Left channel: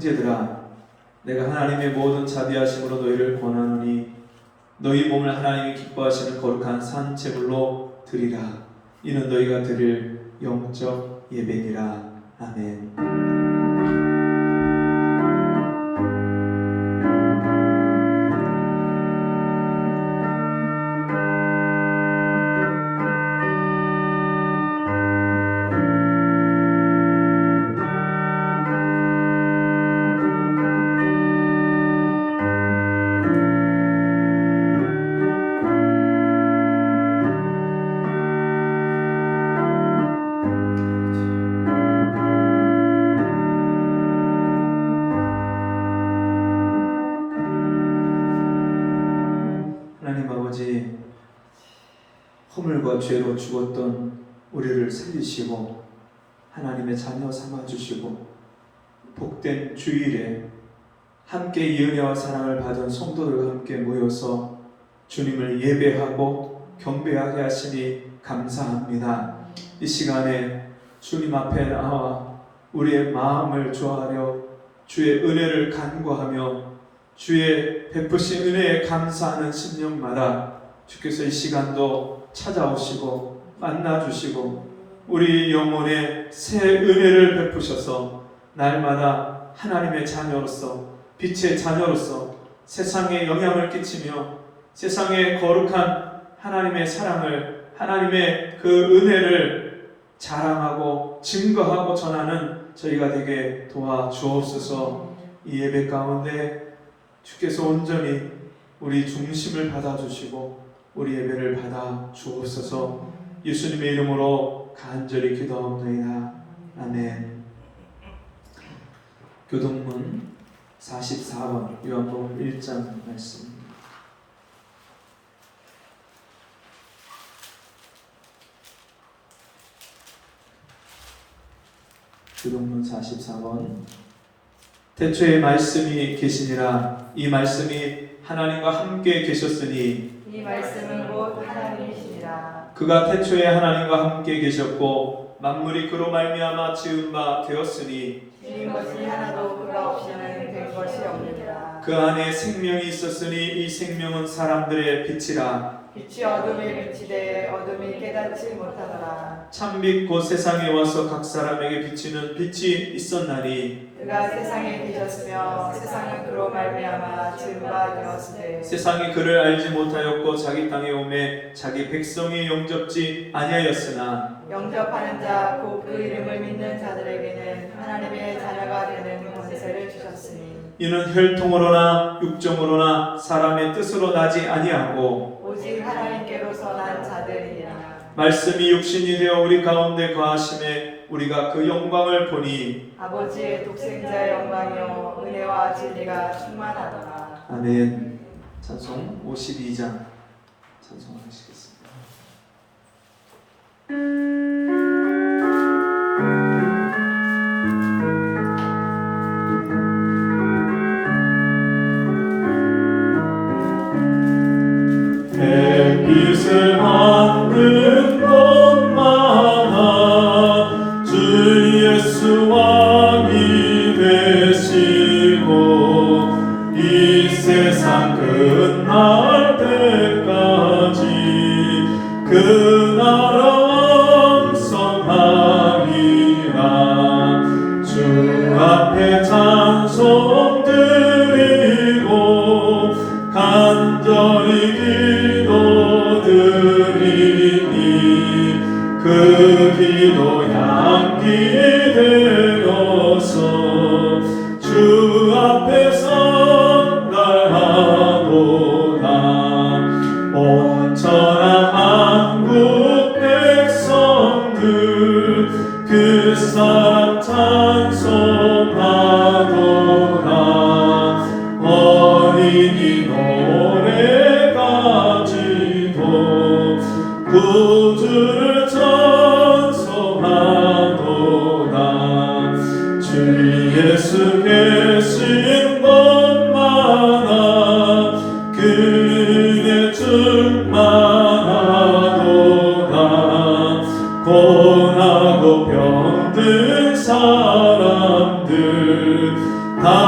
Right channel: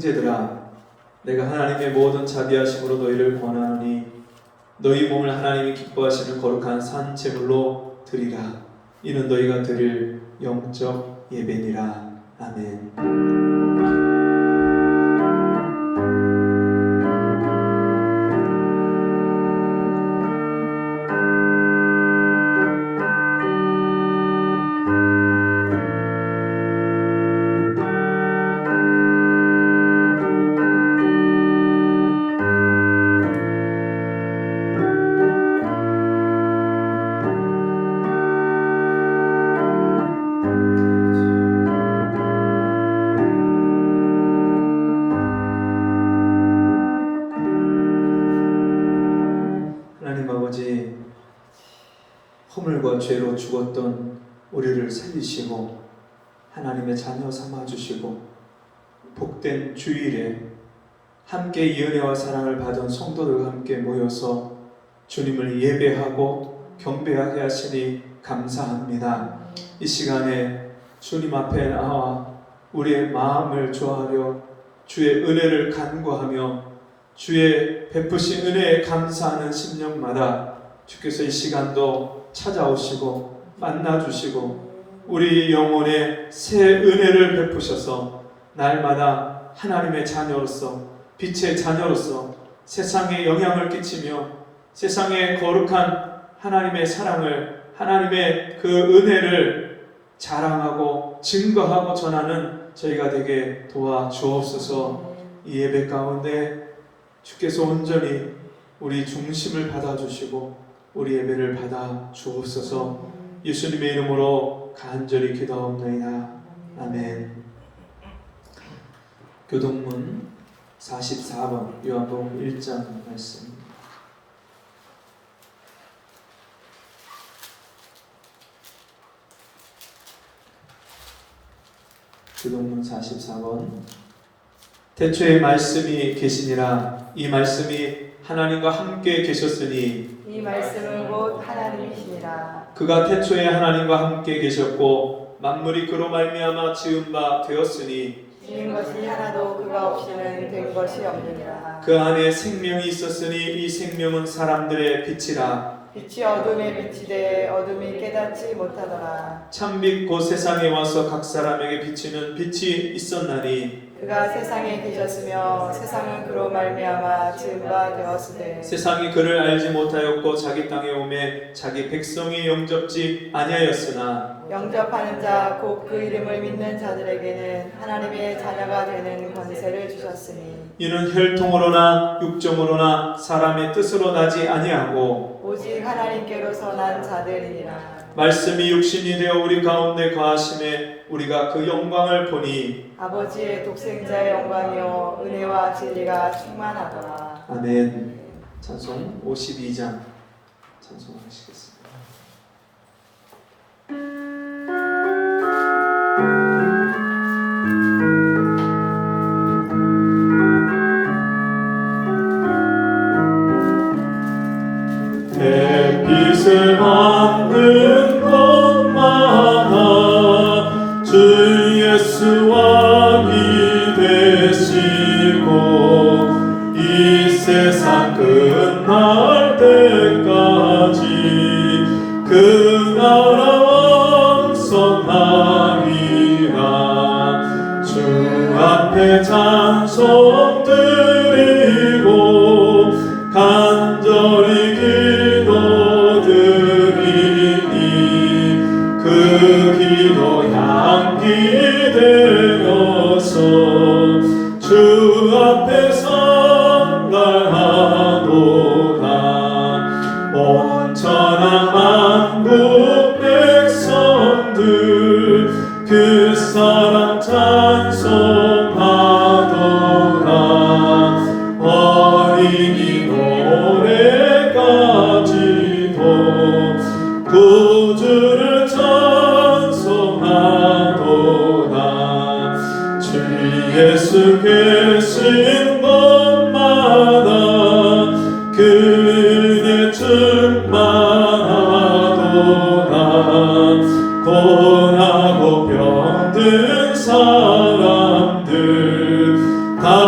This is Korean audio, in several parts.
형제들아, 내가 하나님의 모든 자비하심으로 너희를 권하노니 너희 몸을 하나님이 기뻐하시는 거룩한 산 제물로 드리라. 이는 너희가 드릴 영적 예배니라. 아멘. 허물과 죄로 죽었던 우리를 살리시고 하나님의 자녀 삼아주시고 복된 주일에 함께 이 은혜와 사랑을 받은 성도들과 함께 모여서 주님을 예배하고 경배하게 하시니 감사합니다. 이 시간에 주님 앞에 나와 우리의 마음을 좋아하려 주의 은혜를 간구하며 주의 베푸신 은혜에 감사하는 심령마다 주께서 이 시간도 찾아오시고 만나주시고 우리 영혼에 새 은혜를 베푸셔서 날마다 하나님의 자녀로서 빛의 자녀로서 세상에 영향을 끼치며 세상에 거룩한 하나님의 사랑을 하나님의 그 은혜를 자랑하고 증거하고 전하는 저희가 되게 도와주옵소서. 이 예배 가운데 주께서 온전히 우리 중심을 받아주시고 우리 예배를 받아 주옵소서. 예수님의 이름으로 간절히 기도하옵나이다. 아멘. 교동문 44번 요한복음 1장 말씀. 교동문 44번. 태초에 말씀이 계시니라. 이 말씀이 하나님과 함께 계셨으니 이 말씀은 곧 하나님이시니라. 그가 태초에 하나님과 함께 계셨고 만물이 그로 말미암아 지은 바 되었으니 지은 것이 하나도 그가 없이는 된 것이 없느니라. 그 안에 생명이 있었으니 이 생명은 사람들의 빛이라. 빛이 어둠에 비치되 어둠이 깨닫지 못하더라. 참빛 곧 세상에 와서 각 사람에게 비치는 빛이 있었나니 그가 세상에 계셨으며 세상은 그로 말미암아 지은 바 되었으되 세상이 그를 알지 못하였고 자기 땅에 오매 자기 백성이 영접지 아니하였으나 영접하는 자 곧 그 이름을 믿는 자들에게는 하나님의 자녀가 되는 권세를 주셨으니 이는 혈통으로나 육정으로나 사람의 뜻으로 나지 아니하고 오직 하나님께로서 난 자들이니라. 말씀이 육신이 되어 우리 가운데 거하심에 우리가 그 영광을 보니 아버지의 독생자의 영광이요 은혜와 진리가 충만하더라. 아멘. 찬송 52장 찬송하시겠습니다. 햇빛을 받는 것마다 주 예수 왕이 되시고 이 세상 끝날 때까지 그 나라 왕성하리라. 주 앞에 찬송 드리고 간절히 기도드리니 그 기도 향기 되어서 주 앞에 선달하도다. 온 천하 만국 백성들 그 사랑 찬송하도다. 원인이 노래까지도 구주를 찬송하도다. 주 예수 계신 곳마다 그대 충만하도다. 고나고 병든 사람들 다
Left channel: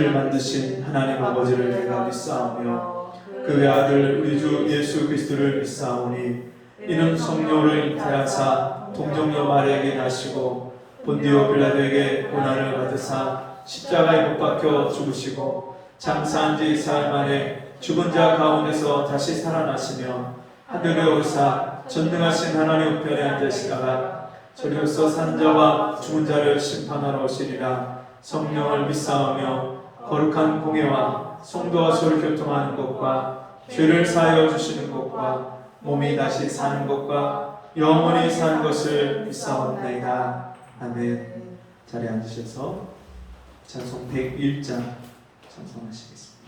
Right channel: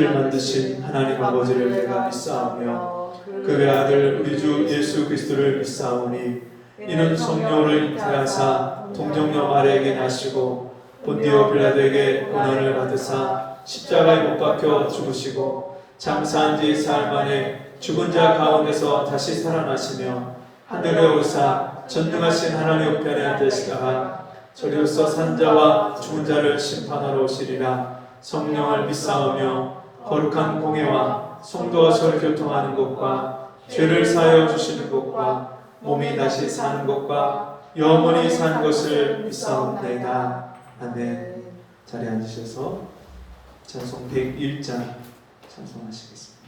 천지를 만드신 하나님 아버지를 내가 믿사오며 그 외아들 우리 주 예수 그리스도를 믿사오니 이는 성령을 잉태하사 동정녀 마리아에게 나시고 본디오 빌라도에게 고난을 받으사 십자가에 못 박혀 죽으시고 장사한 지 사흘 만에 죽은 자 가운데서 다시 살아나시며 하늘에 오르사 전능하신 하나님 우편에 앉으시다가 저리로서 산 자와 죽은 자를 심판하러 오시리라. 성령을 믿사오며 거룩한 공예와 성도와 서로 교통하는 것과 죄를 사하여 주시는 것과 몸이 다시 사는 것과 영원히 사는 것을 믿사옵나이다. 아멘. 자리에 앉으셔서 찬송 101장 찬송하시겠습니다.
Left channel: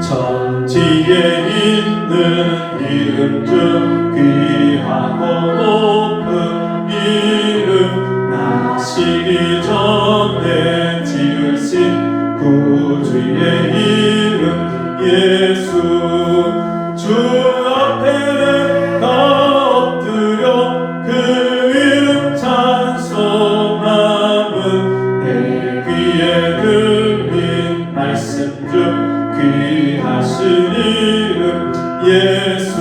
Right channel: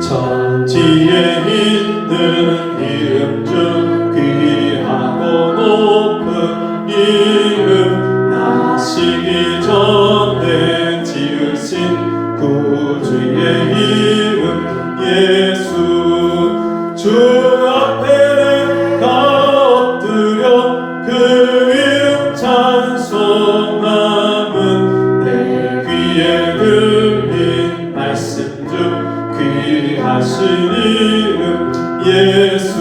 천지에 있는 이름 중 귀하고 높은 이름 나시기 전에 지으신 구주의 이름 예수 주 앞에 내가 엎드려 그 이름 찬송함은 내 귀에 들린 말씀 중 귀하신 이름 예수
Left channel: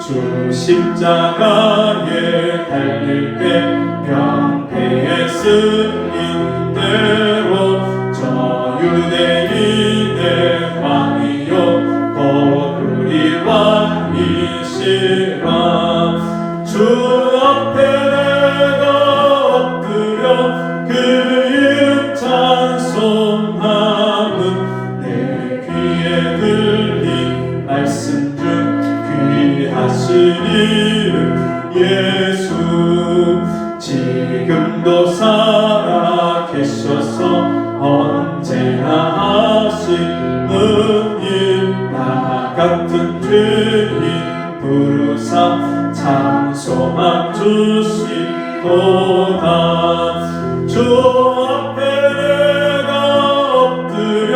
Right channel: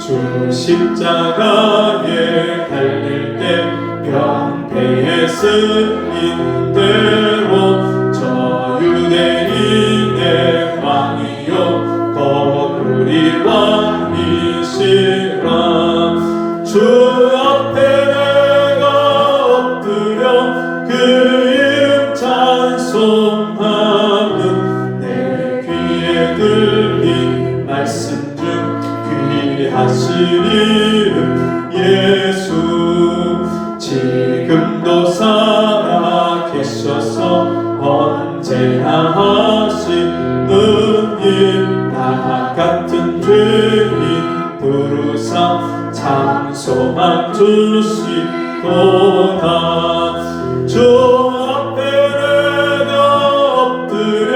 주 십자가에 달릴 때 병폐에 쓰인 대로 저 유대인의 왕이여 곧 우리 왕이시라 주 앞에 내가 엎드려 그 이름 찬송함은 내 귀에 들린 말씀 중 귀하신 이름 예수 지금도 살아 계셔서 언제나 하시는 일 나 같은 죄인 부르사 장소함 주시도다 주 앞에 내가 엎드려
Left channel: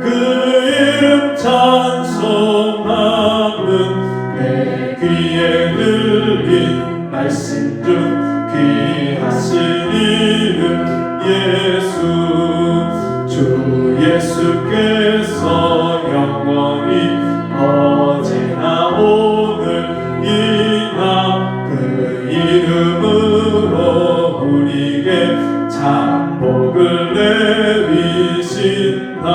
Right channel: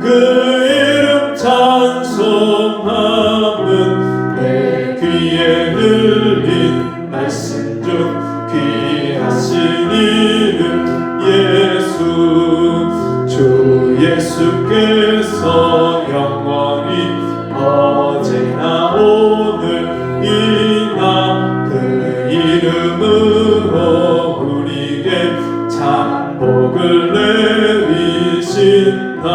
그 이름 찬송함은 내 귀에 들린 말씀 중 귀하신 이름 예수 주 예수께서 영원히 어제나 오늘이나 그 이름으로 우리에게 장복을 내리신다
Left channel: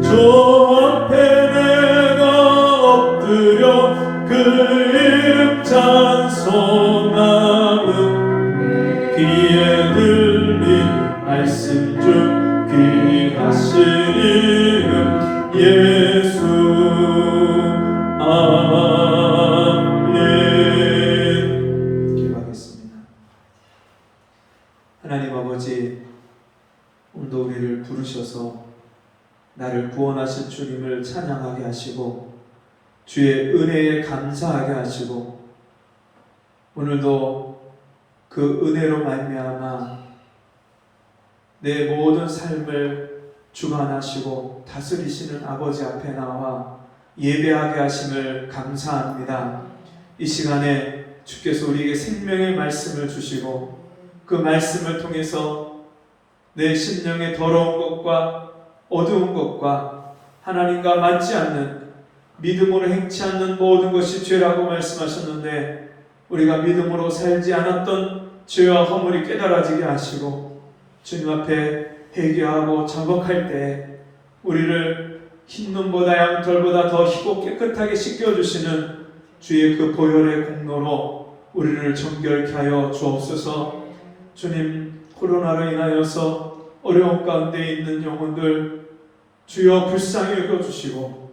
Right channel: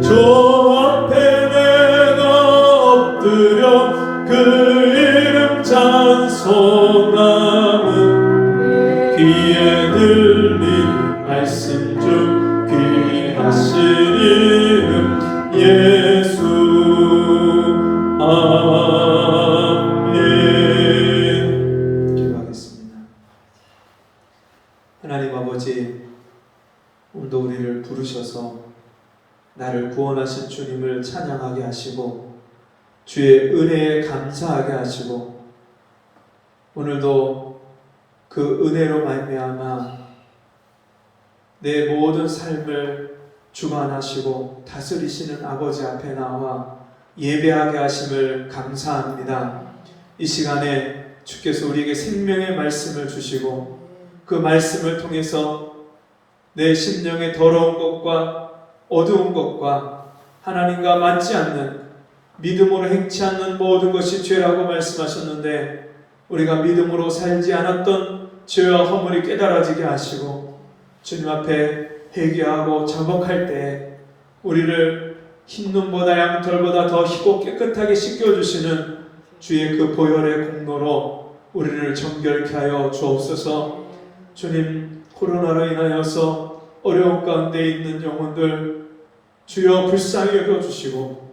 주 앞에 내가 엎드려 그 이름 찬송함은 귀에 들린 말씀 중 귀하신 이름 예수 아멘. 기도하겠습니다. 하나님 아버지, 오늘도 우리를 부르셔서 나를 구원하신 주님을 찬양하게 하시고 주의 은혜에 감사하게 하시고 오늘도 그 은혜로 말미암아 내 모든 삶을 주관하시고 다스리시는 아버지 앞에 나와 예배하게 하심을 감사합니다. 이 시간에 주께서 우리에게 생명의 말씀을 주시고 그 말씀을 통해서 내 심령의 더러운 것과 어두운 것과 하나님과 맞지 않는 믿음으로 행치 않는 모든 것이 죄라고 말씀하셨는데 우리가 믿음으로 살지 않았던 죄와 허물이 깨달아지게 하시고 주님 앞에 회개하고 자복할 때 우리를 흰 눈보다 양털보다 더 희고 깨끗하게 씻겨주시는 주의 그 보혈의 공로로 우리를 정결케 하여 주옵소서. 주님, 코로나로 인하여서 어려움 가운데 있는 영혼들 주여 불쌍히 여겨주시고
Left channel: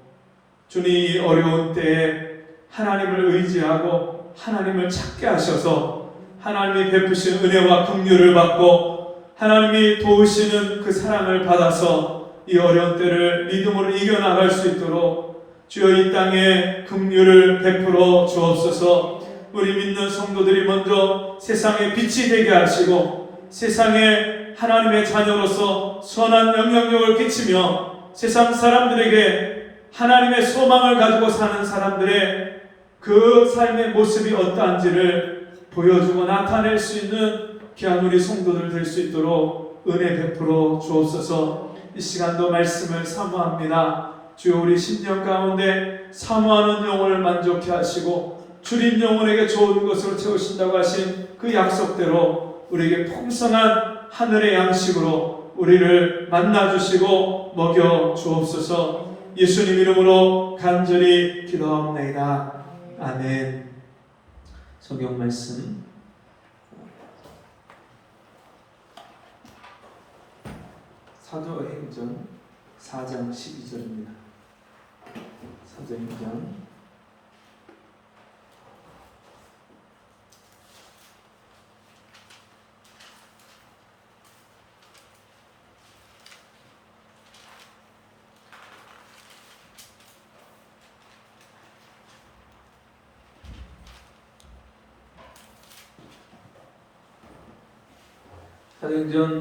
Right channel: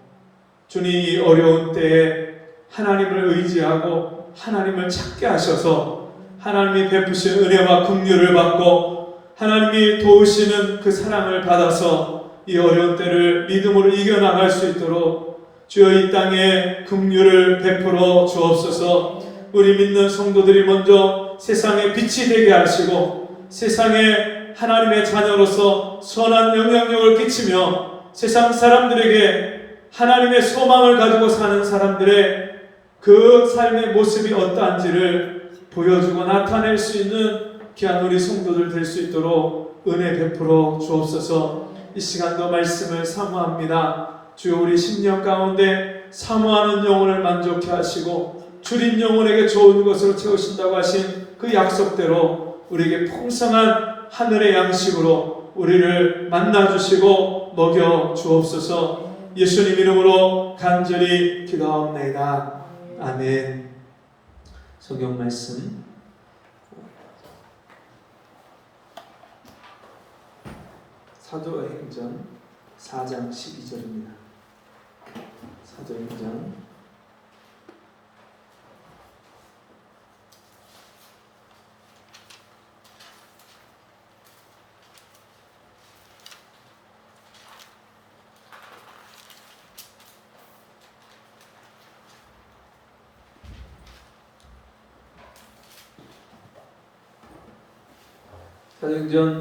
주님 이 어려운 때에 하나님을 의지하고 하나님을 찾게 하셔서 하나님이 베푸신 은혜와 긍휼을 받고 하나님이 도우시는 그 사랑을 받아서 이 어려운 때를 믿음으로 이겨나갈 수 있도록 주여 이 땅에 긍휼을 베풀어 주옵소서. 우리 믿는 성도들이 먼저 세상에 빛이 되게 하시고 세상에 하나님의 자녀로서 선한 영향력을 끼치며 세상 사람들에게 하나님의 소망을 가지고 사는 사람들의 그 삶의 모습이 어떠한지를 보여주고 나타낼 수 있는 귀한 우리 성도들 될 수 있도록 은혜 베풀어 주옵소서. 이 시간도 말씀을 사모합니다. 주여, 우리 심령 가운데 사모하는 영혼을 만족케 하시고 주린 영혼에게 좋은 것으로 채우신다고 하신 그 약속대로 우리에게 풍성한 하늘의 양식으로 우리를 만나주시고 먹여 주옵소서. 예수님 이름으로 간절히 기도하옵나이다. 아멘. 성경 말씀 사도행전 4장 12절입니다. 사도행전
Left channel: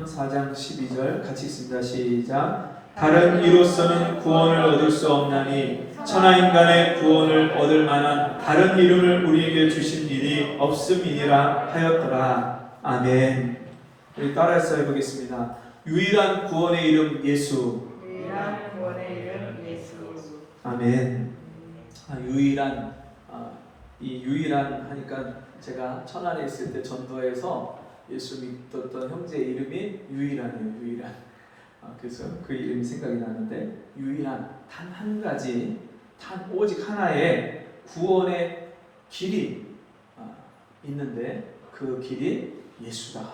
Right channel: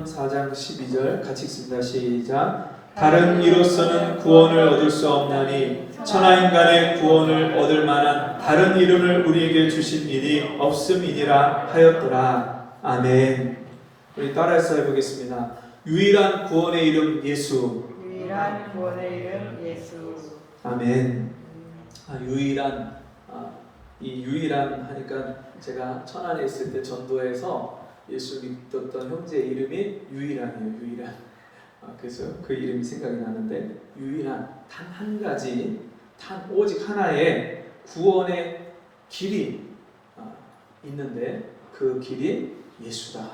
4장 12절 같이 읽습니다. 시작. 다른 이로서는 구원을 얻을 수 없나니 천하인간의 구원을 얻을 만한 다른 이름을 우리에게 주신 일이 없음이니라 하였더라. 아멘. 우리 따라서 해보겠습니다. 유일한 구원의 이름 예수. 유일한 구원의 이름 예수. 아멘. 이 유일한 하니까 제가 천안에 있을 때 전도에서 예수 믿었던 형제의 이름이 유일한이에요. 유일한. 그래서 그 이름이 생각이 나는데, 유일한, 단 한 가지, 단 오직 하나의 구원의 길이 있는데 그 길이 예수다.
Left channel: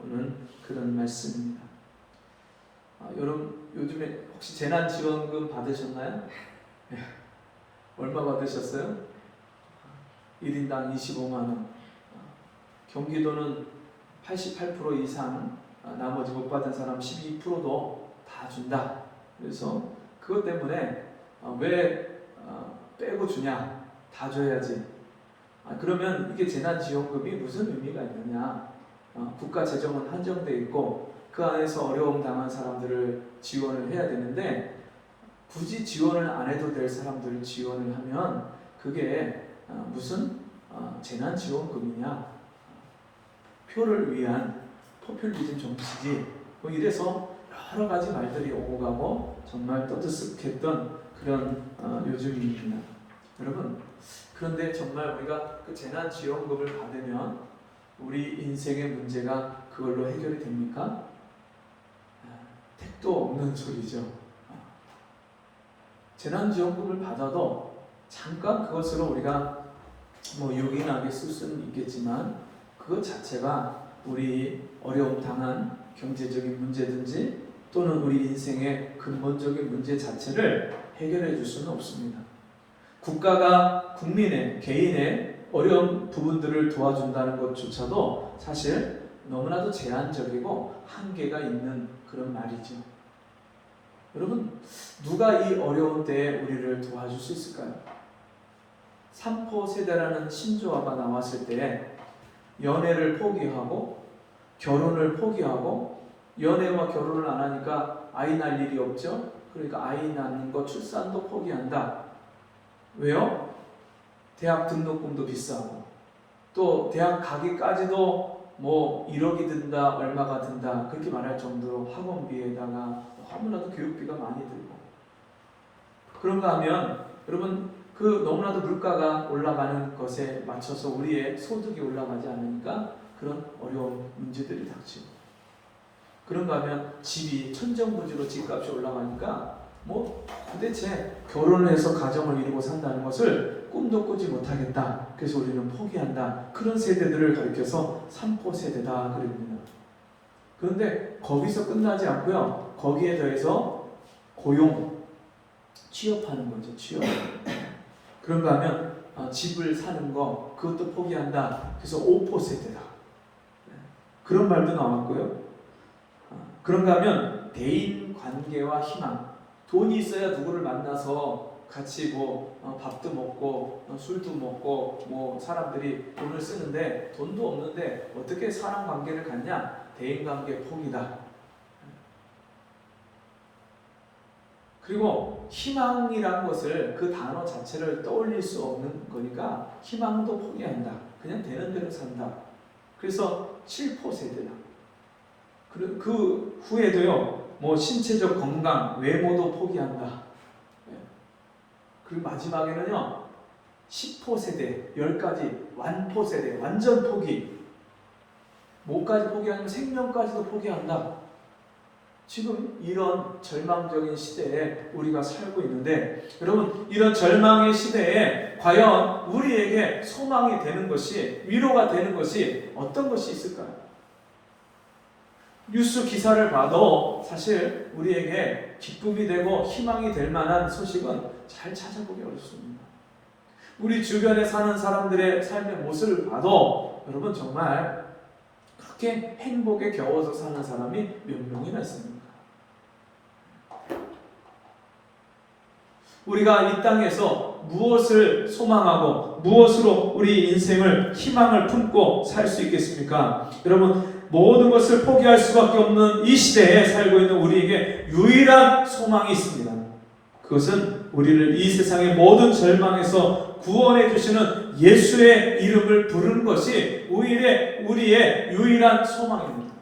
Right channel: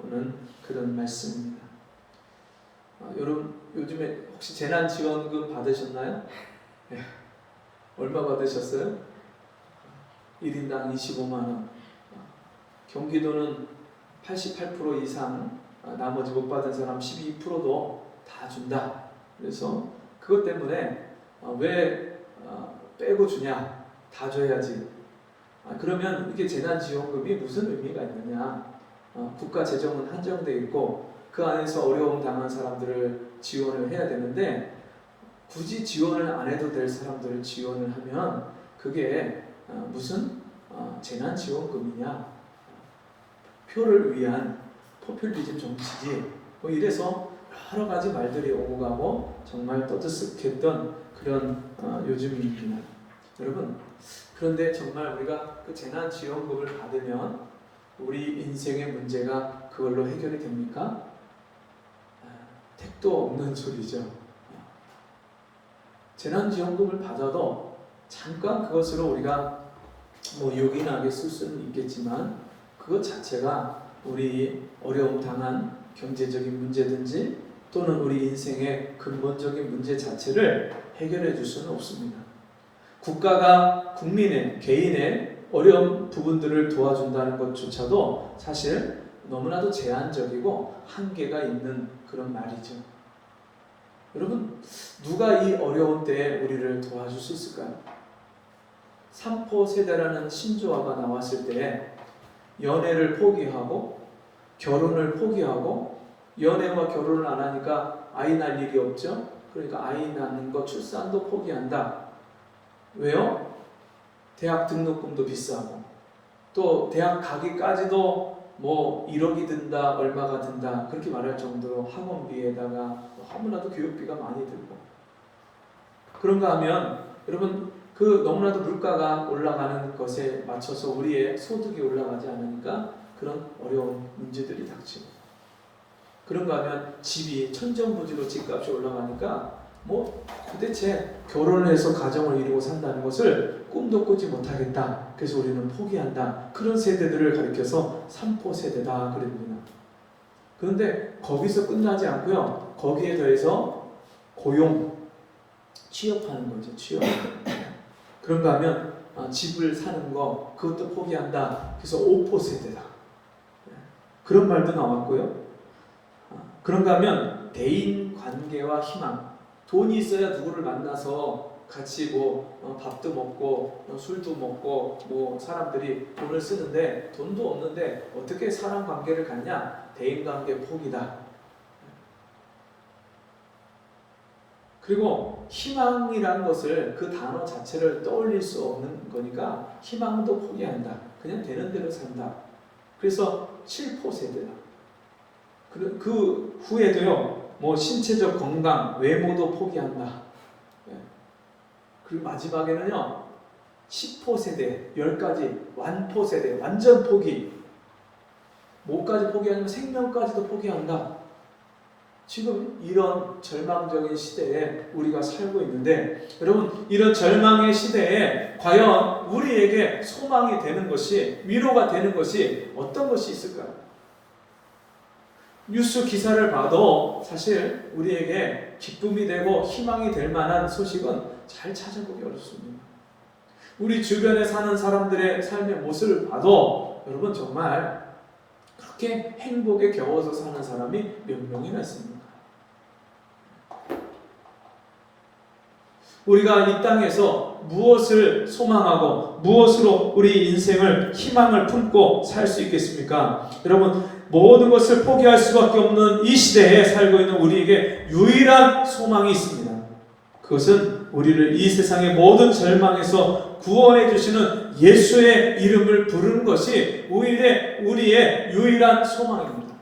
오는 그런 말씀입니다. 여러분 요즘에 혹시 재난지원금 받으셨나요? 네. 얼마 받으셨어요? 1인당 25만 원. 경기도는 88% 이상, 나머지 못 받은 사람 12%도 다 준다. 그래서 그것 때문에 왜 빼고 주냐? 다 줘야지. 그러면 이게 재난지원금이 무슨 의미가 있느냐? 국가 재정은 한정되어 있고 그 안에서 어려움 당한 사람들을 지원을 해야 되는데, 굳이 지원을 안 해도 될 사람들을 지원을 하면 그게 무슨 재난지원금이냐? 표를 위한 포퓰리즘 정치지. 뭐 이래서 여러 가지 말들이 오고 가고 정말 떠들썩했던 그런 요즘입니다. 여러분, 그런데 정말 우리가 그 재난지원금을 받으면 우리 인생의 문제가 그걸로 해결이 됩니까? 택도 없는 소리죠. 재난지원금을 받아도 잠깐 그것으로 우리가 뭐 요긴하게 쓸 수는 있겠지만 그것 자체가 우리 어려움 당한 경제적인 문제든지 또는 우리 인생의 근본적인 문제 자체를 해결해 줄 수는 없습니다. 국가가 국민의, 개인의 어려운 부분들을 도와준다는 것조차도 사실 너무나도 제한적이고 한계가 있는 그런 말이죠. 여러분, 누가 이 어려운 때에 우리를 도와줄 수 있을까요? 삼포 세대라는 신조어가 나왔을 때 연애를 포기하고 결혼을 포기하고, 연애와 결혼을 안 하니까 아이 낳을 일이 없죠. 그러니까 아이 낳는 거, 출산도 포기한다. 왜요? 대학 등록금도 비싸고 또 대학 가기까지도 뭐 1억이 든다, 얼마가 든다 그렇게 말할 정도로 학원비에다가 너무나도 교육비가 많이 들고, 그런가 하면 여러분 그 너무나도 물가가 올라가는 것에 맞춰서 우리의 소득이 올라가지 않으니까 그런 어려운 문제들이 닥치고, 그런가 하면 집이 천정부지로 집값이 올라가니까 뭐 도대체 결혼을 해서 가정을 이루고 산다는 것을 꿈도 꾸지 못하겠다. 그래서 우리는 포기한다. 그런 세대들을 가리켜서 삼포 세대다 그랬구나. 그런데 거기서 끝나지 않고요. 거기에 더해서 고용, 취업하는 거죠. 취업. 그런가 하면 집을 사는 거 그것도 포기한다. 그래서 5포 세대다. 그런 말도 나왔고요. 그런가 하면 대인 관계와 희망, 돈이 있어야 누구를 만나서 같이 뭐 밥도 먹고 술도 먹고 뭐 사람들이 돈을 쓰는데, 돈도 없는데 어떻게 사람 관계를 갖냐? 대인 관계 포기다. 그리고 희망이라는 것을 그 단어 자체를 떠올릴 수 없는 거니까 희망도 포기한다. 그냥 되는 대로 산다. 그래서 7포 세대다. 그 후에도요. 뭐 신체적 건강, 외모도 포기한다. 그리고 마지막에는요. 10포 세대, 10가지 완포 세대, 완전 포기. 뭐까지 포기하냐면 생명까지도 포기한다. 지금 이런 절망적인 시대에 우리가 살고 있는데 여러분 이런 절망의 시대에 과연 우리에게 소망이 되는 것이 위로가 되는 것이 어떤 것이 있을까요? 뉴스 기사를 봐도 사실 우리에게 기쁨이 되고 희망이 될 만한 소식은 잘 찾아보기 어렵습니다. 우리 주변에 사는 사람들의 삶의 모습을 봐도 여러분 정말 그렇게 행복에 겨워서 사는 사람이 몇 명이나 있습니까? 우리가 이 땅에서 무엇을 소망하고 무엇으로 우리 인생을 희망을 품고 살 수 있겠습니까? 여러분 모든 것을 포기할 수밖에 없는 이 시대에 살고 있는 우리에게 유일한 소망이 있습니다. 그것은 우리를 이 세상의 모든 절망에서 구원해 주시는 예수의 이름을 부르는 것이 오히려 우리의 유일한 소망입니다.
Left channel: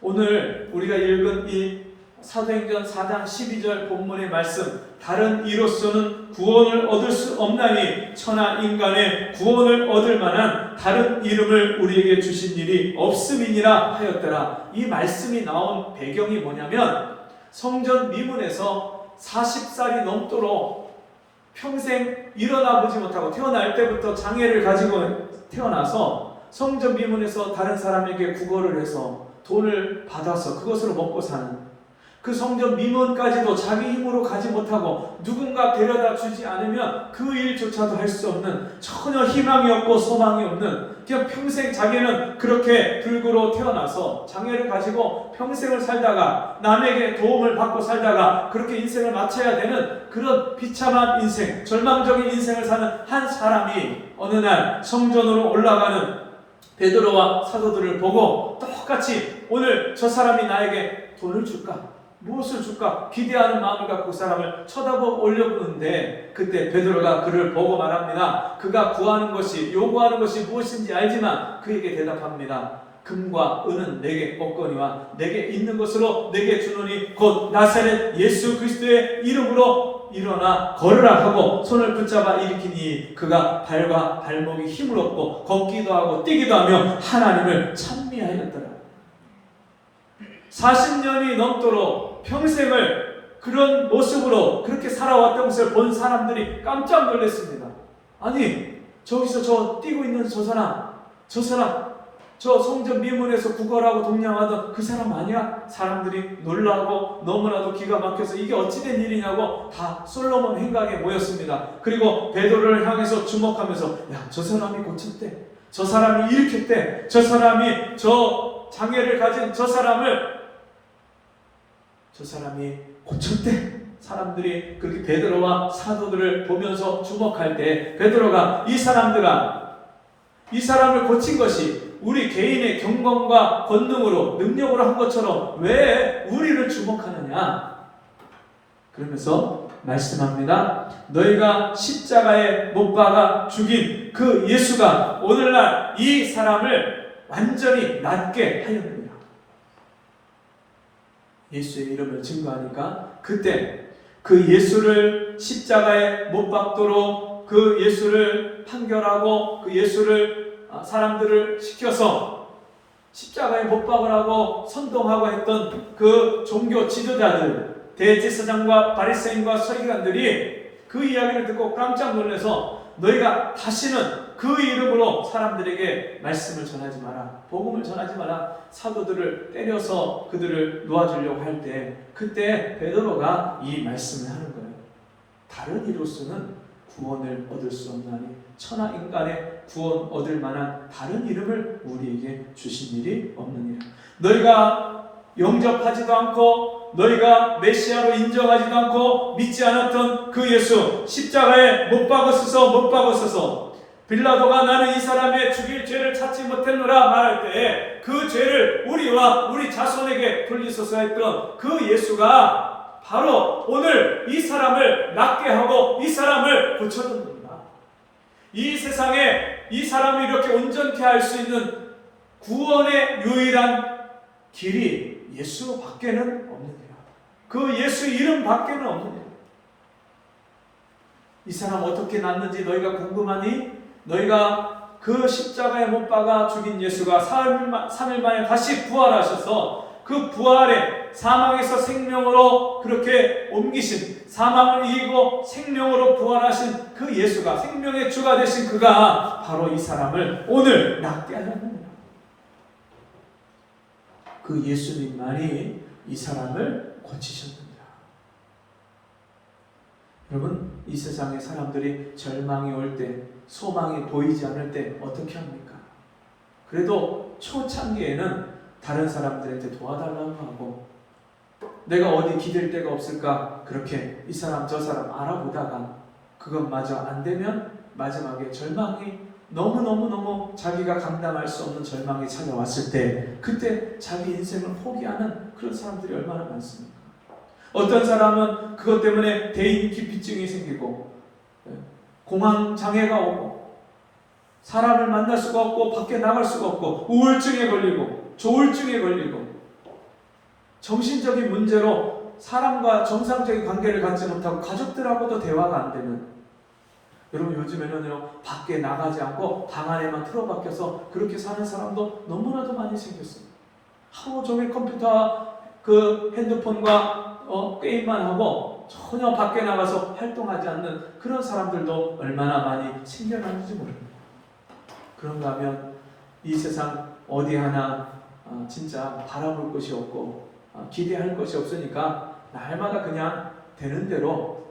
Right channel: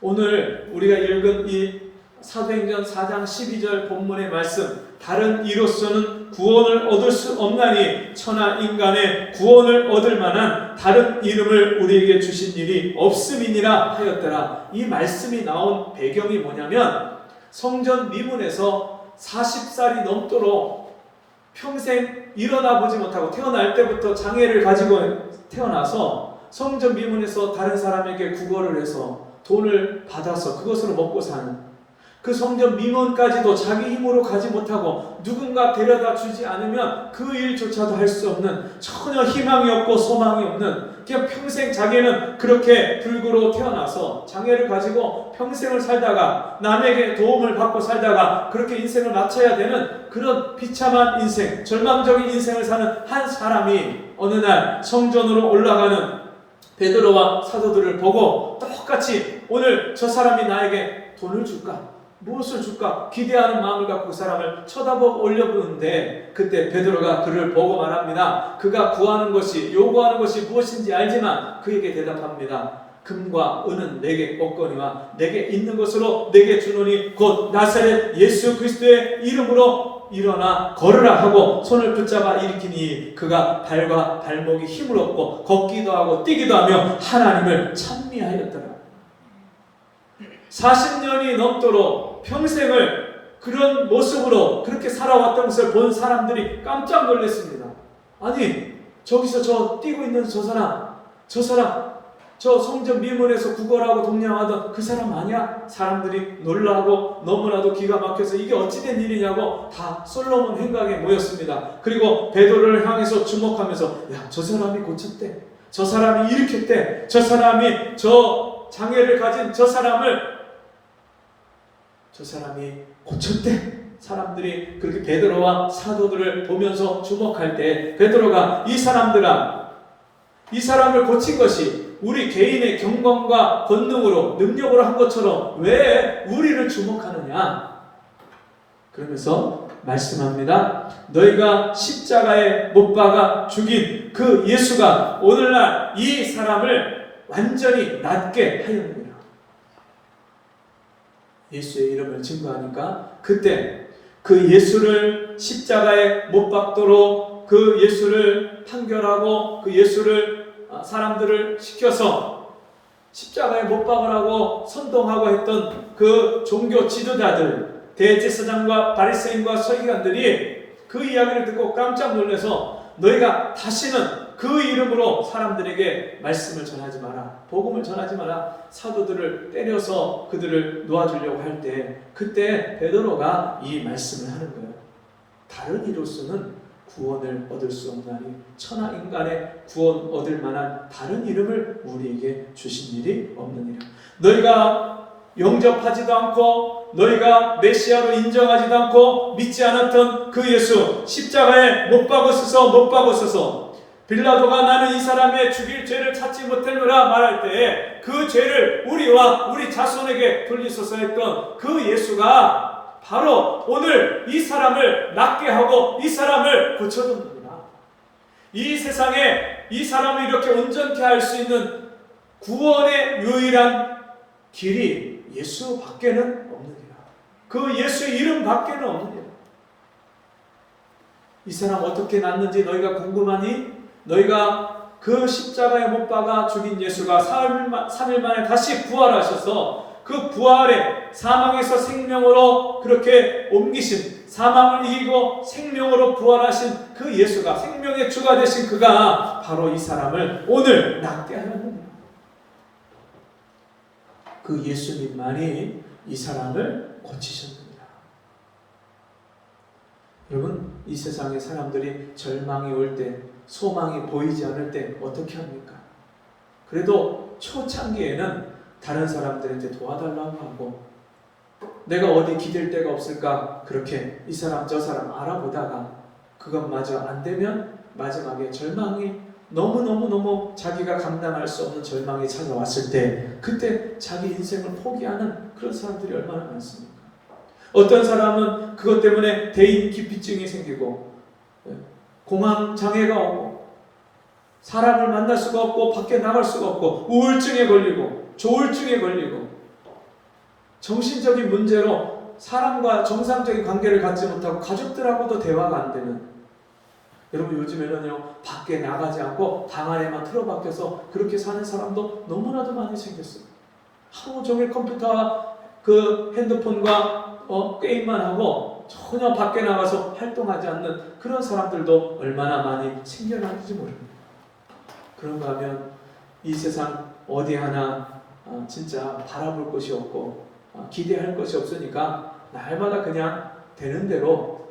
오늘 우리가 읽은 이 사도행전 4장 12절 본문의 말씀, 다른 이로서는 구원을 얻을 수 없나니 천하 인간의 구원을 얻을 만한 다른 이름을 우리에게 주신 일이 없음이니라 하였더라. 이 말씀이 나온 배경이 뭐냐면 성전 미문에서 40살이 넘도록 평생 일어나 보지 못하고 태어날 때부터 장애를 가지고 태어나서 성전 미문에서 다른 사람에게 구걸을 해서 돈을 받아서 그것으로 먹고 사는 그 성전 미문까지도 자기 힘으로 가지 못하고 누군가 데려다 주지 않으면 그 일조차도 할 수 없는 전혀 희망이 없고 소망이 없는 그냥 평생 자기는 그렇게 불구로 태어나서 장애를 가지고 평생을 살다가 남에게 도움을 받고 살다가 그렇게 인생을 마쳐야 되는 그런 비참한 인생, 절망적인 인생을 사는 한 사람이 어느 날 성전으로 올라가는 베드로와 사도들을 보고 똑같이 오늘 저 사람이 나에게 돈을 줄까? 무엇을 줄까? 기대하는 마음을 갖고 그 사람을 쳐다보고 올려보는데 그때 베드로가 그를 보고 말합니다. 그가 구하는 것이 요구하는 것이 무엇인지 알지만 그에게 대답합니다. 금과 은은 내게 없거니와 내게 있는 것으로 내게 주노니 곧 나사렛 예수 그리스도의 이름으로 일어나 걸으라 하고 손을 붙잡아 일으키니 그가 발과 발목이 힘을 얻고 걷기도 하고 뛰기도 하며 하나님을 찬미하였더라. 40년이 넘도록 평생을 그런 모습으로 그렇게 살아왔던 것을 본 사람들이 깜짝 놀랐습니다. 아니 저기서 저 뛰고 있는 저 사람 저 성전 미문에서 구걸하고 동냥하던 그 사람 아니야? 사람들이 놀라고 너무나도 기가 막혀서 이게 어찌된 일이냐고 다 솔로몬 행각에 모였습니다. 그리고 베드로를 향해서 주목하면서 야, 저 사람이 고쳤대. 저 사람이 일으켰대. 저 사람이 저 장애를 가진 저 사람이 고쳤대. 사람들이 그렇게 베드로와 사도들을 보면서 주목할 때 베드로가 이 사람을 고친 것이 우리 개인의 경건과 권능으로 능력으로 한 것처럼 왜 우리를 주목하느냐? 그러면서 말씀합니다. 너희가 십자가에 못 박아 죽인 그 예수가 오늘날 이 사람을 완전히 낫게 하였느니라. 예수의 이름을 증거하니까 그때 그 예수를 십자가에 못 박도록 그 예수를 판결하고 그 예수를 사람들을 시켜서 십자가에 못 박으라고 선동하고 했던 그 종교 지도자들 대제사장과 바리새인과 서기관들이 그 이야기를 듣고 깜짝 놀라서 너희가 다시는 그 이름으로 사람들에게 말씀을 전하지 마라. 복음을 전하지 마라. 사도들을 때려서 그들을 놓아주려고 할 때 그때 베드로가 이 말씀을 하는 거예요. 다른 이로서는 구원을 얻을 수 없나니 천하 인간의 구원 얻을 만한 다른 이름을 우리에게 주신 일이 없느니라. 너희가 영접하지도 않고 너희가 메시아로 인정하지도 않고 믿지 않았던 그 예수 십자가에 못 박으소서 빌라도가 나는 이 사람의 죽일 죄를 찾지 못했노라 말할 때에 그 죄를 우리와 우리 자손에게 돌리소서 했던 그 예수가 바로 오늘 이 사람을 낫게 하고 이 사람을 고쳐준 겁니다. 이 세상에 이 사람을 이렇게 온전케 할 수 있는 구원의 유일한 길이 예수 밖에는 없는 거예요. 그 예수 이름 밖에는 없는 거예요. 이 사람 어떻게 낫는지 너희가 궁금하니? 너희가 그 십자가에 못 박아 죽인 예수가 3일 만에 다시 부활하셔서 그 부활에 사망에서 생명으로 그렇게 옮기신, 사망을 이기고 생명으로 부활하신 그 예수가, 생명의 주가 되신 그가 바로 이 사람을 오늘 낫게 하는 겁니다. 그 예수님만이 이 사람을 고치셨습니다. 여러분, 이 세상의 사람들이 절망이 올 때, 소망이 보이지 않을 때 어떻게 합니까? 그래도 초창기에는 다른 사람들한테 도와달라고 하고, 내가 어디 기댈 데가 없을까 그렇게 이 사람 저 사람 알아보다가 그것마저 안 되면 마지막에 절망이 너무 자기가 감당할 수 없는 절망이 찾아왔을 때, 그때 자기 인생을 포기하는 그런 사람들이 얼마나 많습니까? 어떤 사람은 그것 때문에 대인기피증이 생기고 공황장애가 오고 사람을 만날 수가 없고 밖에 나갈 수가 없고 우울증에 걸리고 조울증에 걸리고 정신적인 문제로 사람과 정상적인 관계를 갖지 못하고 가족들하고도 대화가 안 되는, 여러분 요즘에는요 밖에 나가지 않고 방 안에만 틀어박혀서 그렇게 사는 사람도 너무나도 많이 생겼어요. 하루 종일 컴퓨터와 그 핸드폰과 게임만 하고 전혀 밖에 나가서 활동하지 않는 그런 사람들도 얼마나 많이 생겨나는지 모릅니다. 그런가 하면 이 세상 어디 하나 진짜 바라볼 것이 없고 기대할 것이 없으니까 날마다 그냥 되는 대로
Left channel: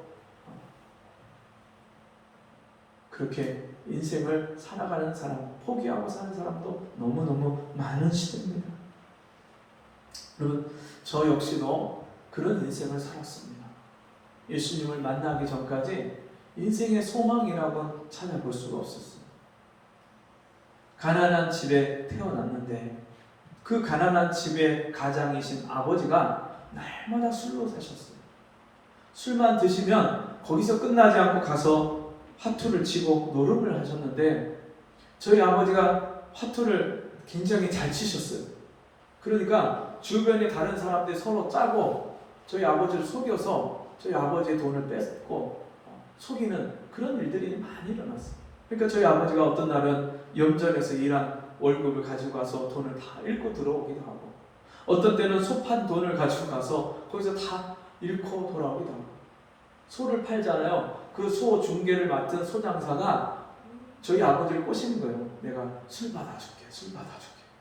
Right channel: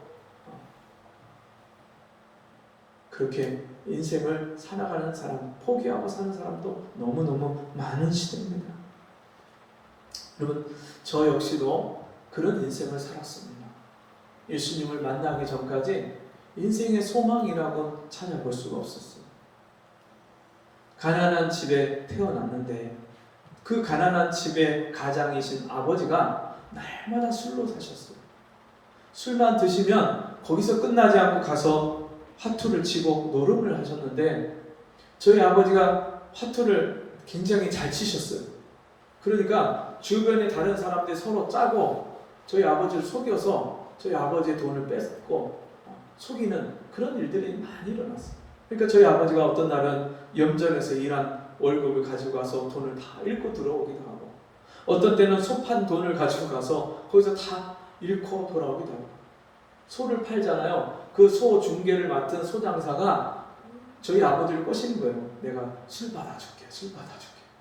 그렇게 인생을 살아가는 사람, 포기하고 사는 사람도 너무너무 많은 시대입니다. 여러분, 저 역시도 그런 인생을 살았습니다. 예수님을 만나기 전까지 인생의 소망이라고는 찾아볼 수가 없었어요. 가난한 집에 태어났는데 그 가난한 집의 가장이신 아버지가 날마다 술로 사셨어요. 술만 드시면 거기서 끝나지 않고 가서 화투를 치고 노름을 하셨는데 저희 아버지가 화투를 굉장히 잘 치셨어요. 그러니까 주변에 다른 사람들이 서로 짜고 저희 아버지를 속여서 저희 아버지의 돈을 뺏고 속이는 그런 일들이 많이 일어났어요. 그러니까 저희 아버지가 어떤 날은 염전에서 일한 월급을 가지고 가서 돈을 다 잃고 들어오기도 하고, 어떤 때는 소 판 돈을 가지고 가서 거기서 다 잃고 돌아오기도 하고, 소를 팔잖아요. 그 소 중개를 맡은 소장사가 저희 아버지를 꼬시는 거예요. 내가 술 받아줄게.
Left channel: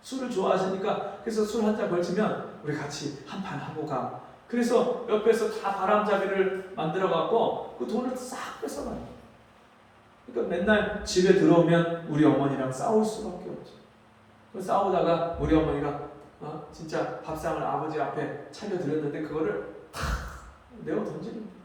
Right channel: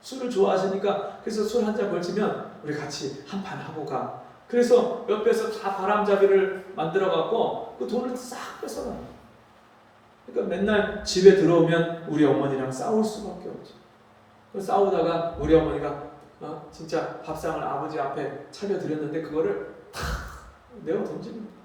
술을 좋아하시니까 그래서 술 한 잔 걸치면 우리 같이 한 판 하고 가. 그래서 옆에서 다 바람잡이를 만들어갖고 그 돈을 싹 뺏어가요. 그러니까 맨날 집에 들어오면 우리 어머니랑 싸울 수밖에 없죠. 싸우다가 우리 어머니가 진짜 밥상을 아버지 앞에 차려드렸는데 그거를 탁 내어 던지는 거예요.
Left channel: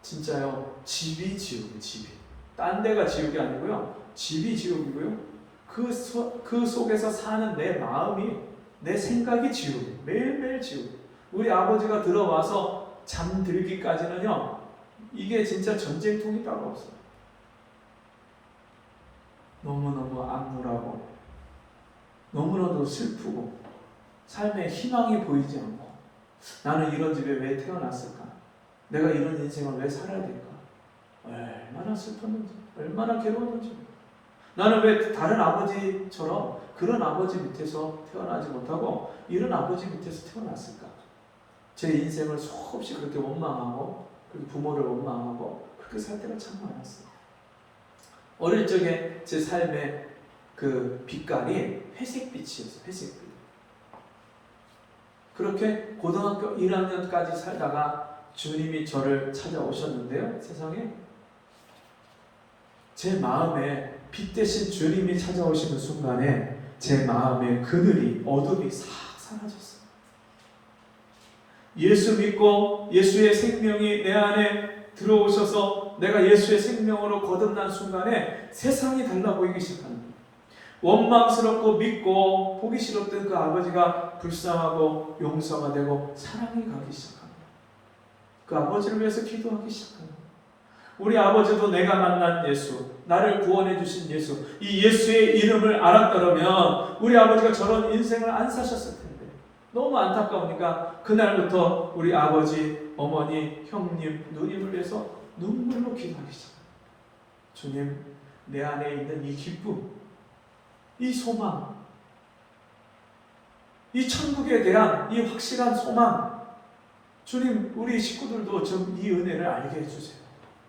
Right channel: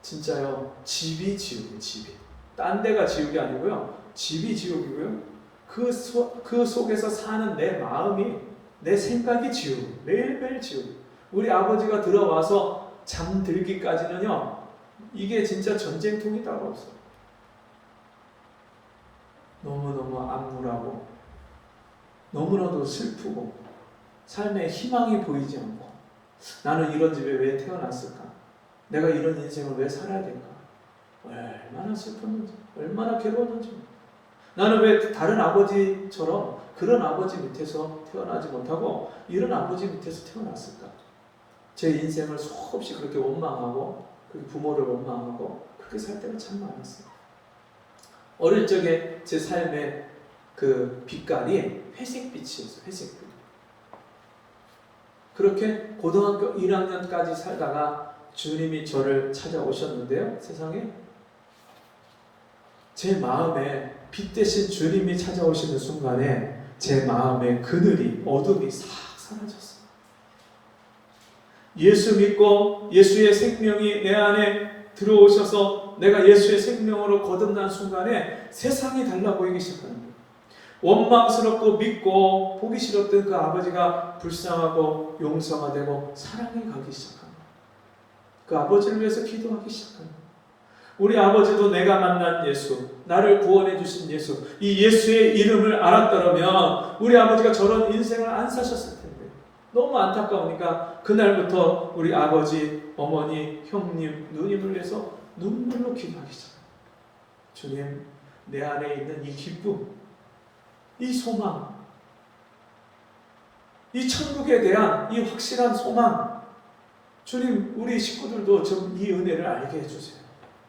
진짜요, 집이 지옥이에요. 집이. 딴 데가 지옥이 아니고요, 집이 지옥이고요, 그 속에서 사는 내 마음이, 내 생각이 지옥이에요. 매일매일 지옥. 우리 아버지가 들어와서 잠들기까지는요, 이게 진짜 전쟁통이 따로 없어요. 너무너무 암울하고 너무나도 슬프고 삶에 희망이 보이지 않고, 나는 이런 집에 왜 태어났을까? 내가 이런 인생을 왜 살아야 될까? 얼마나 슬펐는지, 얼마나 괴로웠는지. 나는 왜 다른 아버지처럼 그런 아버지 밑에서 태어나지 못하고 이런 아버지 밑에서 태어났을까? 제 인생을 수없이 그렇게 원망하고, 그리고 부모를 원망하고 그렇게 살 때가 참 많았어요. 어릴 적에 제 삶의 그 빛깔이 회색빛이었어요. 회색빛. 그렇게 고등학교 1학년까지 살다가 주님이 저를 찾아오셨는데요, 세상에 제 마음에 빛 대신 주님이 찾아오시는 순간에 제 마음에 그늘이, 어둠이 싹 사라졌어요. 예수 믿고 예수의 생명이 내 안에 들어오셔서 내가 예수의 생명으로 거듭난 순간에 세상이 달라 보이기 시작합니다. 원망스럽고 믿고 보기 싫었던 그 아버지가 불쌍하고 용서가 되고 사랑이 가기 시작합니다. 그 아버지를 위해서 기도하기 시작합니다. 우리 아버지도 내가 만난 예수, 나를 구원해 주신 예수, 이 예수의 이름을 알았더라면 우리 아버지가 저런 인생을 안 사셨을 텐데 너무 안타까우니까 그날부터 우리 아버지, 어머니, 형님, 누님을 위해서 눈물로 기도하기 시작합니다. 주님, 내 안에 있는 이 기쁨, 이 소망, 이 천국에 대한 이 확실한 소망, 주님, 우리 식구들도 좀 이 은혜를 알게 해주세요.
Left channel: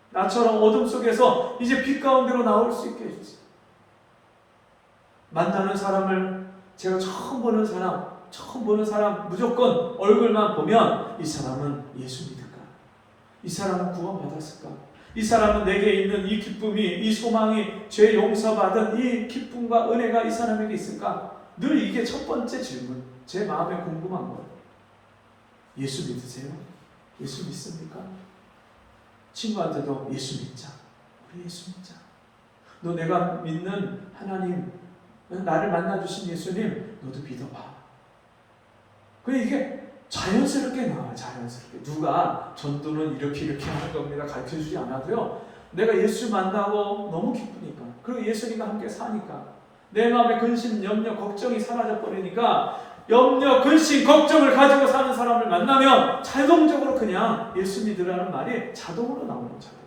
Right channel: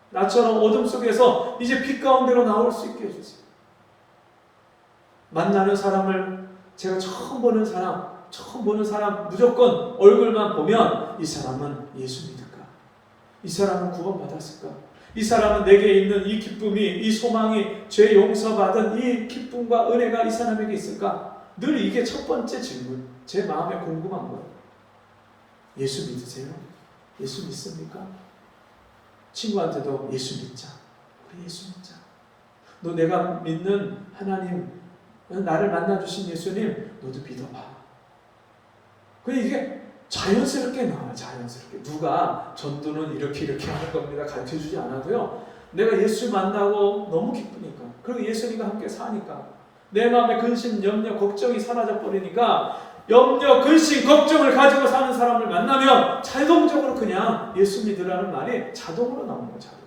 나처럼 어둠 속에서 이제 빛 가운데로 나올 수 있게 해주세요. 만나는 사람을 제가 처음 보는 사람 무조건 얼굴만 보면 이 사람은 예수 믿을까? 이 사람은 구원받았을까? 이 사람은 내게 있는 이 기쁨이, 이 소망이, 죄 용서받은 이 기쁨과 은혜가 이 사람에게 있을까? 늘 이게 첫 번째 질문, 제 마음에 궁금한 거예요. 예수 믿으세요? 예수 믿습니까? 친구한테도 예수 믿자. 우리 예수 믿자. 너 내가 믿는 하나님, 나를 만나주신 예수님, 너도 믿어봐. 이게 자연스럽게 나와요. 자연스럽게. 누가 전도는 이렇게 하는 겁니다. 가르쳐주지 않아도요. 내가 예수 만나고 너무 기쁘니까. 그리고 예수님과 함께 사니까. 내 마음에 근심, 염려, 걱정이 사라져버리니까 염려, 근심, 걱정을 가지고 사는 사람을 만나면 자동적으로 그냥 예수 믿으라는 말이 자동으로 나오는 거예요. 자동.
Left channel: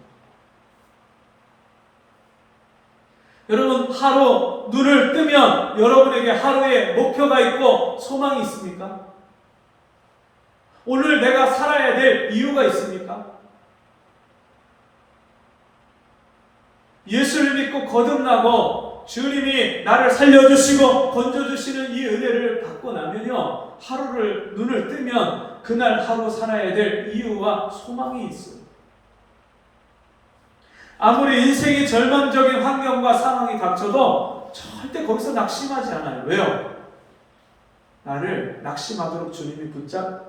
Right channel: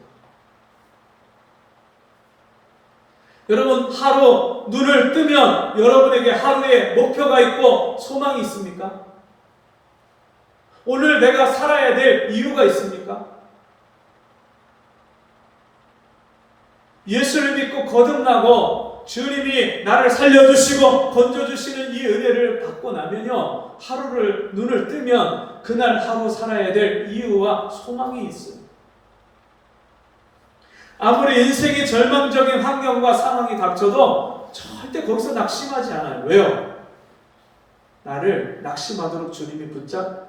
여러분, 하루 눈을 뜨면 여러분에게 하루에 목표가 있고 소망이 있습니까? 오늘 내가 살아야 될 이유가 있습니까? 예수를 믿고 거듭나고 주님이 나를 살려주시고 건져주시는 이 은혜를 받고 나면요, 하루를 눈을 뜨면 그날 하루 살아야 될 이유와 소망이 있어요. 아무리 인생의 절망적인 환경과 상황이 닥쳐도 절대 거기서 낙심하지 않아요. 왜요? 나를 낙심하도록 주님이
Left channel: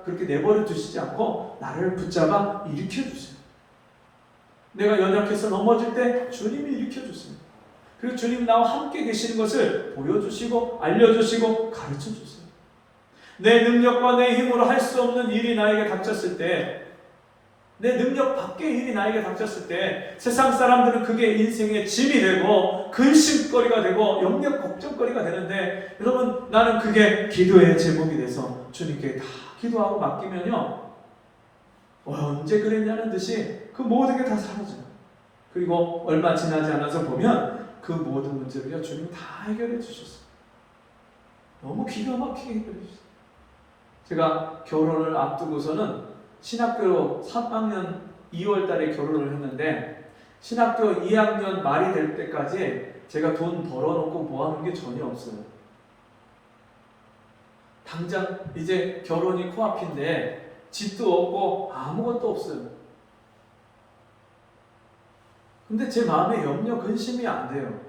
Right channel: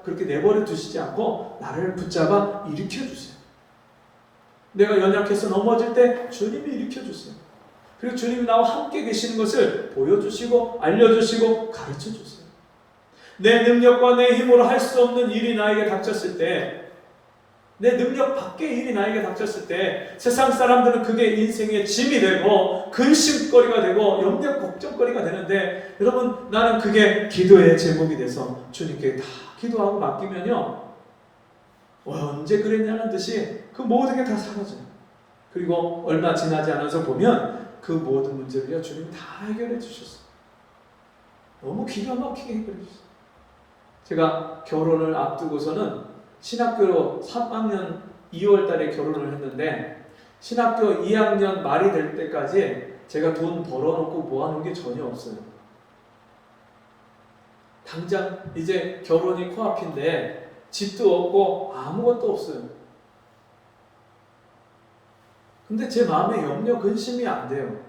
그렇게 내버려 두시지 않고 나를 붙잡아 일으켜주세요. 내가 연약해서 넘어질 때 주님이 일으켜주세요. 그리고 주님 나와 함께 계시는 것을 보여주시고 알려주시고 가르쳐주세요. 내 능력과 내 힘으로 할 수 없는 일이 나에게 닥쳤을 때, 내 능력 밖의 일이 나에게 닥쳤을 때 세상 사람들은 그게 인생의 짐이 되고 근심거리가 되고 염려 걱정거리가 되는데, 여러분, 나는 그게 기도의 제목이 돼서 주님께 다 기도하고 맡기면요, 언제 그랬냐는 듯이 그 모든 게 다 사라져요. 그리고 얼마 지나지 않아서 보면 그 모든 문제를요, 주님이 다 해결해 주셨어요. 너무 기가 막히게 해결해 주셨어요. 제가 결혼을 앞두고서는 신학교 3학년 2월 달에 결혼을 했는데, 신학교 2학년 말이 될 때까지 제가 돈 벌어놓고 모아놓은 게 전혀 없어요. 당장 이제 결혼이 코앞인데 집도 없고 아무것도 없어요. 근데 제 마음에 염려, 근심이 안 돼요.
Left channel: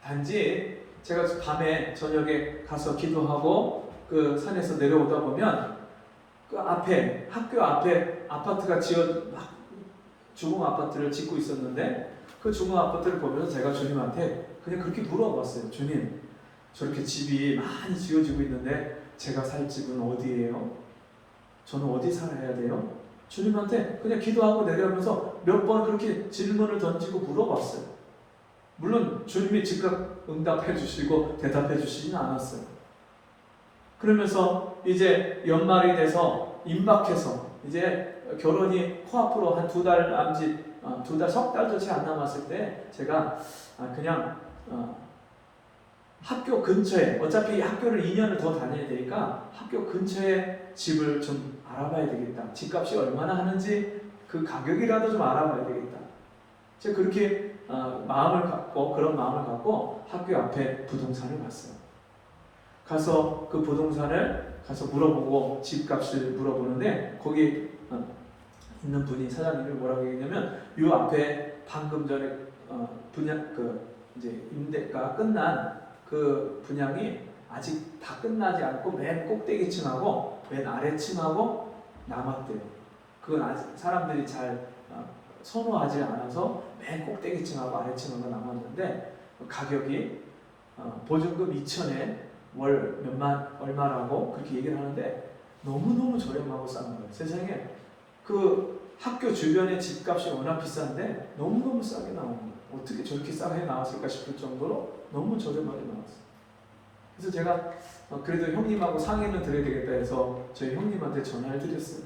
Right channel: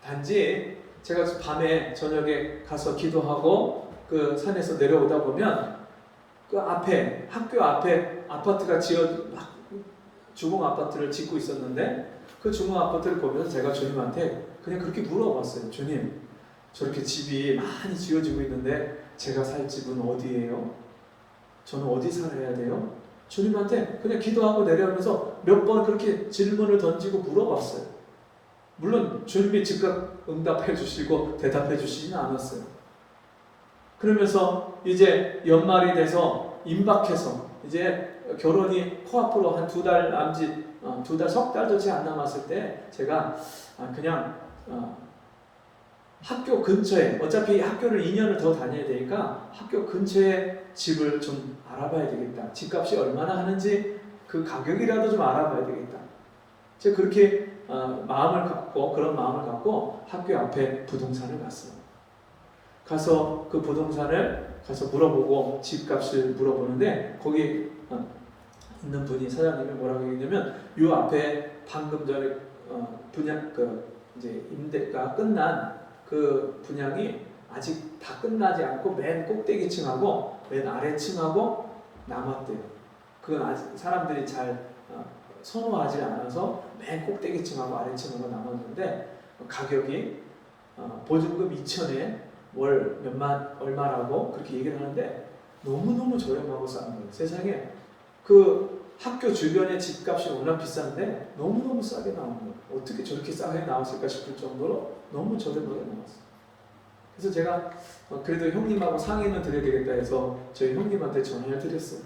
단지 제가 밤에 저녁에 가서 기도하고 그 산에서 내려오다 보면 그 앞에, 학교 앞에 아파트가 주공 아파트를 짓고 있었는데, 그 주공 아파트를 보면서 제가 주님한테 그냥 그렇게 물어봤어요. 주님, 저렇게 집이 많이 지어지고 있는데 제가 살 집은 어디예요? 저는 어디 살아야 돼요? 주님한테 그냥 기도하고 내려오면서 몇 번 그렇게 질문을 던지고 물어봤어요. 물론 주님이 즉각 응답해 주시고 대답해 주시지는 않았어요. 그러면서 이제 연말이 돼서 임박해서 이제 결혼이 코앞으로 한 2달 남짓, 2달, 석 달도 채 안 남았을 때 제가 그냥 학교 근처에, 어차피 학교를 2년을 더 다녀야 되니까 학교 근처에 집을 좀 알아봐야 되겠다. 집값이 얼마나 하는지 그 가격이라도 좀 알아봐야 되겠다. 제가 그렇게 그런 마음을 갖고 학교 앞에 부동산을 갔어요. 가서 그 부동산을 가서 물어보고 집값을 물어보는데, 거기 있는 분이, 사장님이 뭐라고 얘기했냐면, 요 앞에 방금 전에 분양 이제 임대가 끝난 그 분양이 아직 다 끝나지 않고 맨 꼭대기층하고 맨 아래층하고 남았대요. 그건 아직 사람들이 잘 선호하지 않아서 맨 꼭대기층하고 아래층하고 남았는데, 가격이 보증금 2천에 월 몇만 얼마라고 그렇게 얘기를 하는데 너무너무 저렴하고 싼 거예요. 세상에 그 학교 주변의 집값이 워낙 비싼데 너무너무 싸게 나오는 거예요. 어떻게 저렇게 싸게 나왔을까 싶을 정도로 너무 저렴하게 나왔어요. 그래서 제가 그래도 형님하고 상의는 드려야 되겠다 해서 저희 형님한테 전화를 드렸어요.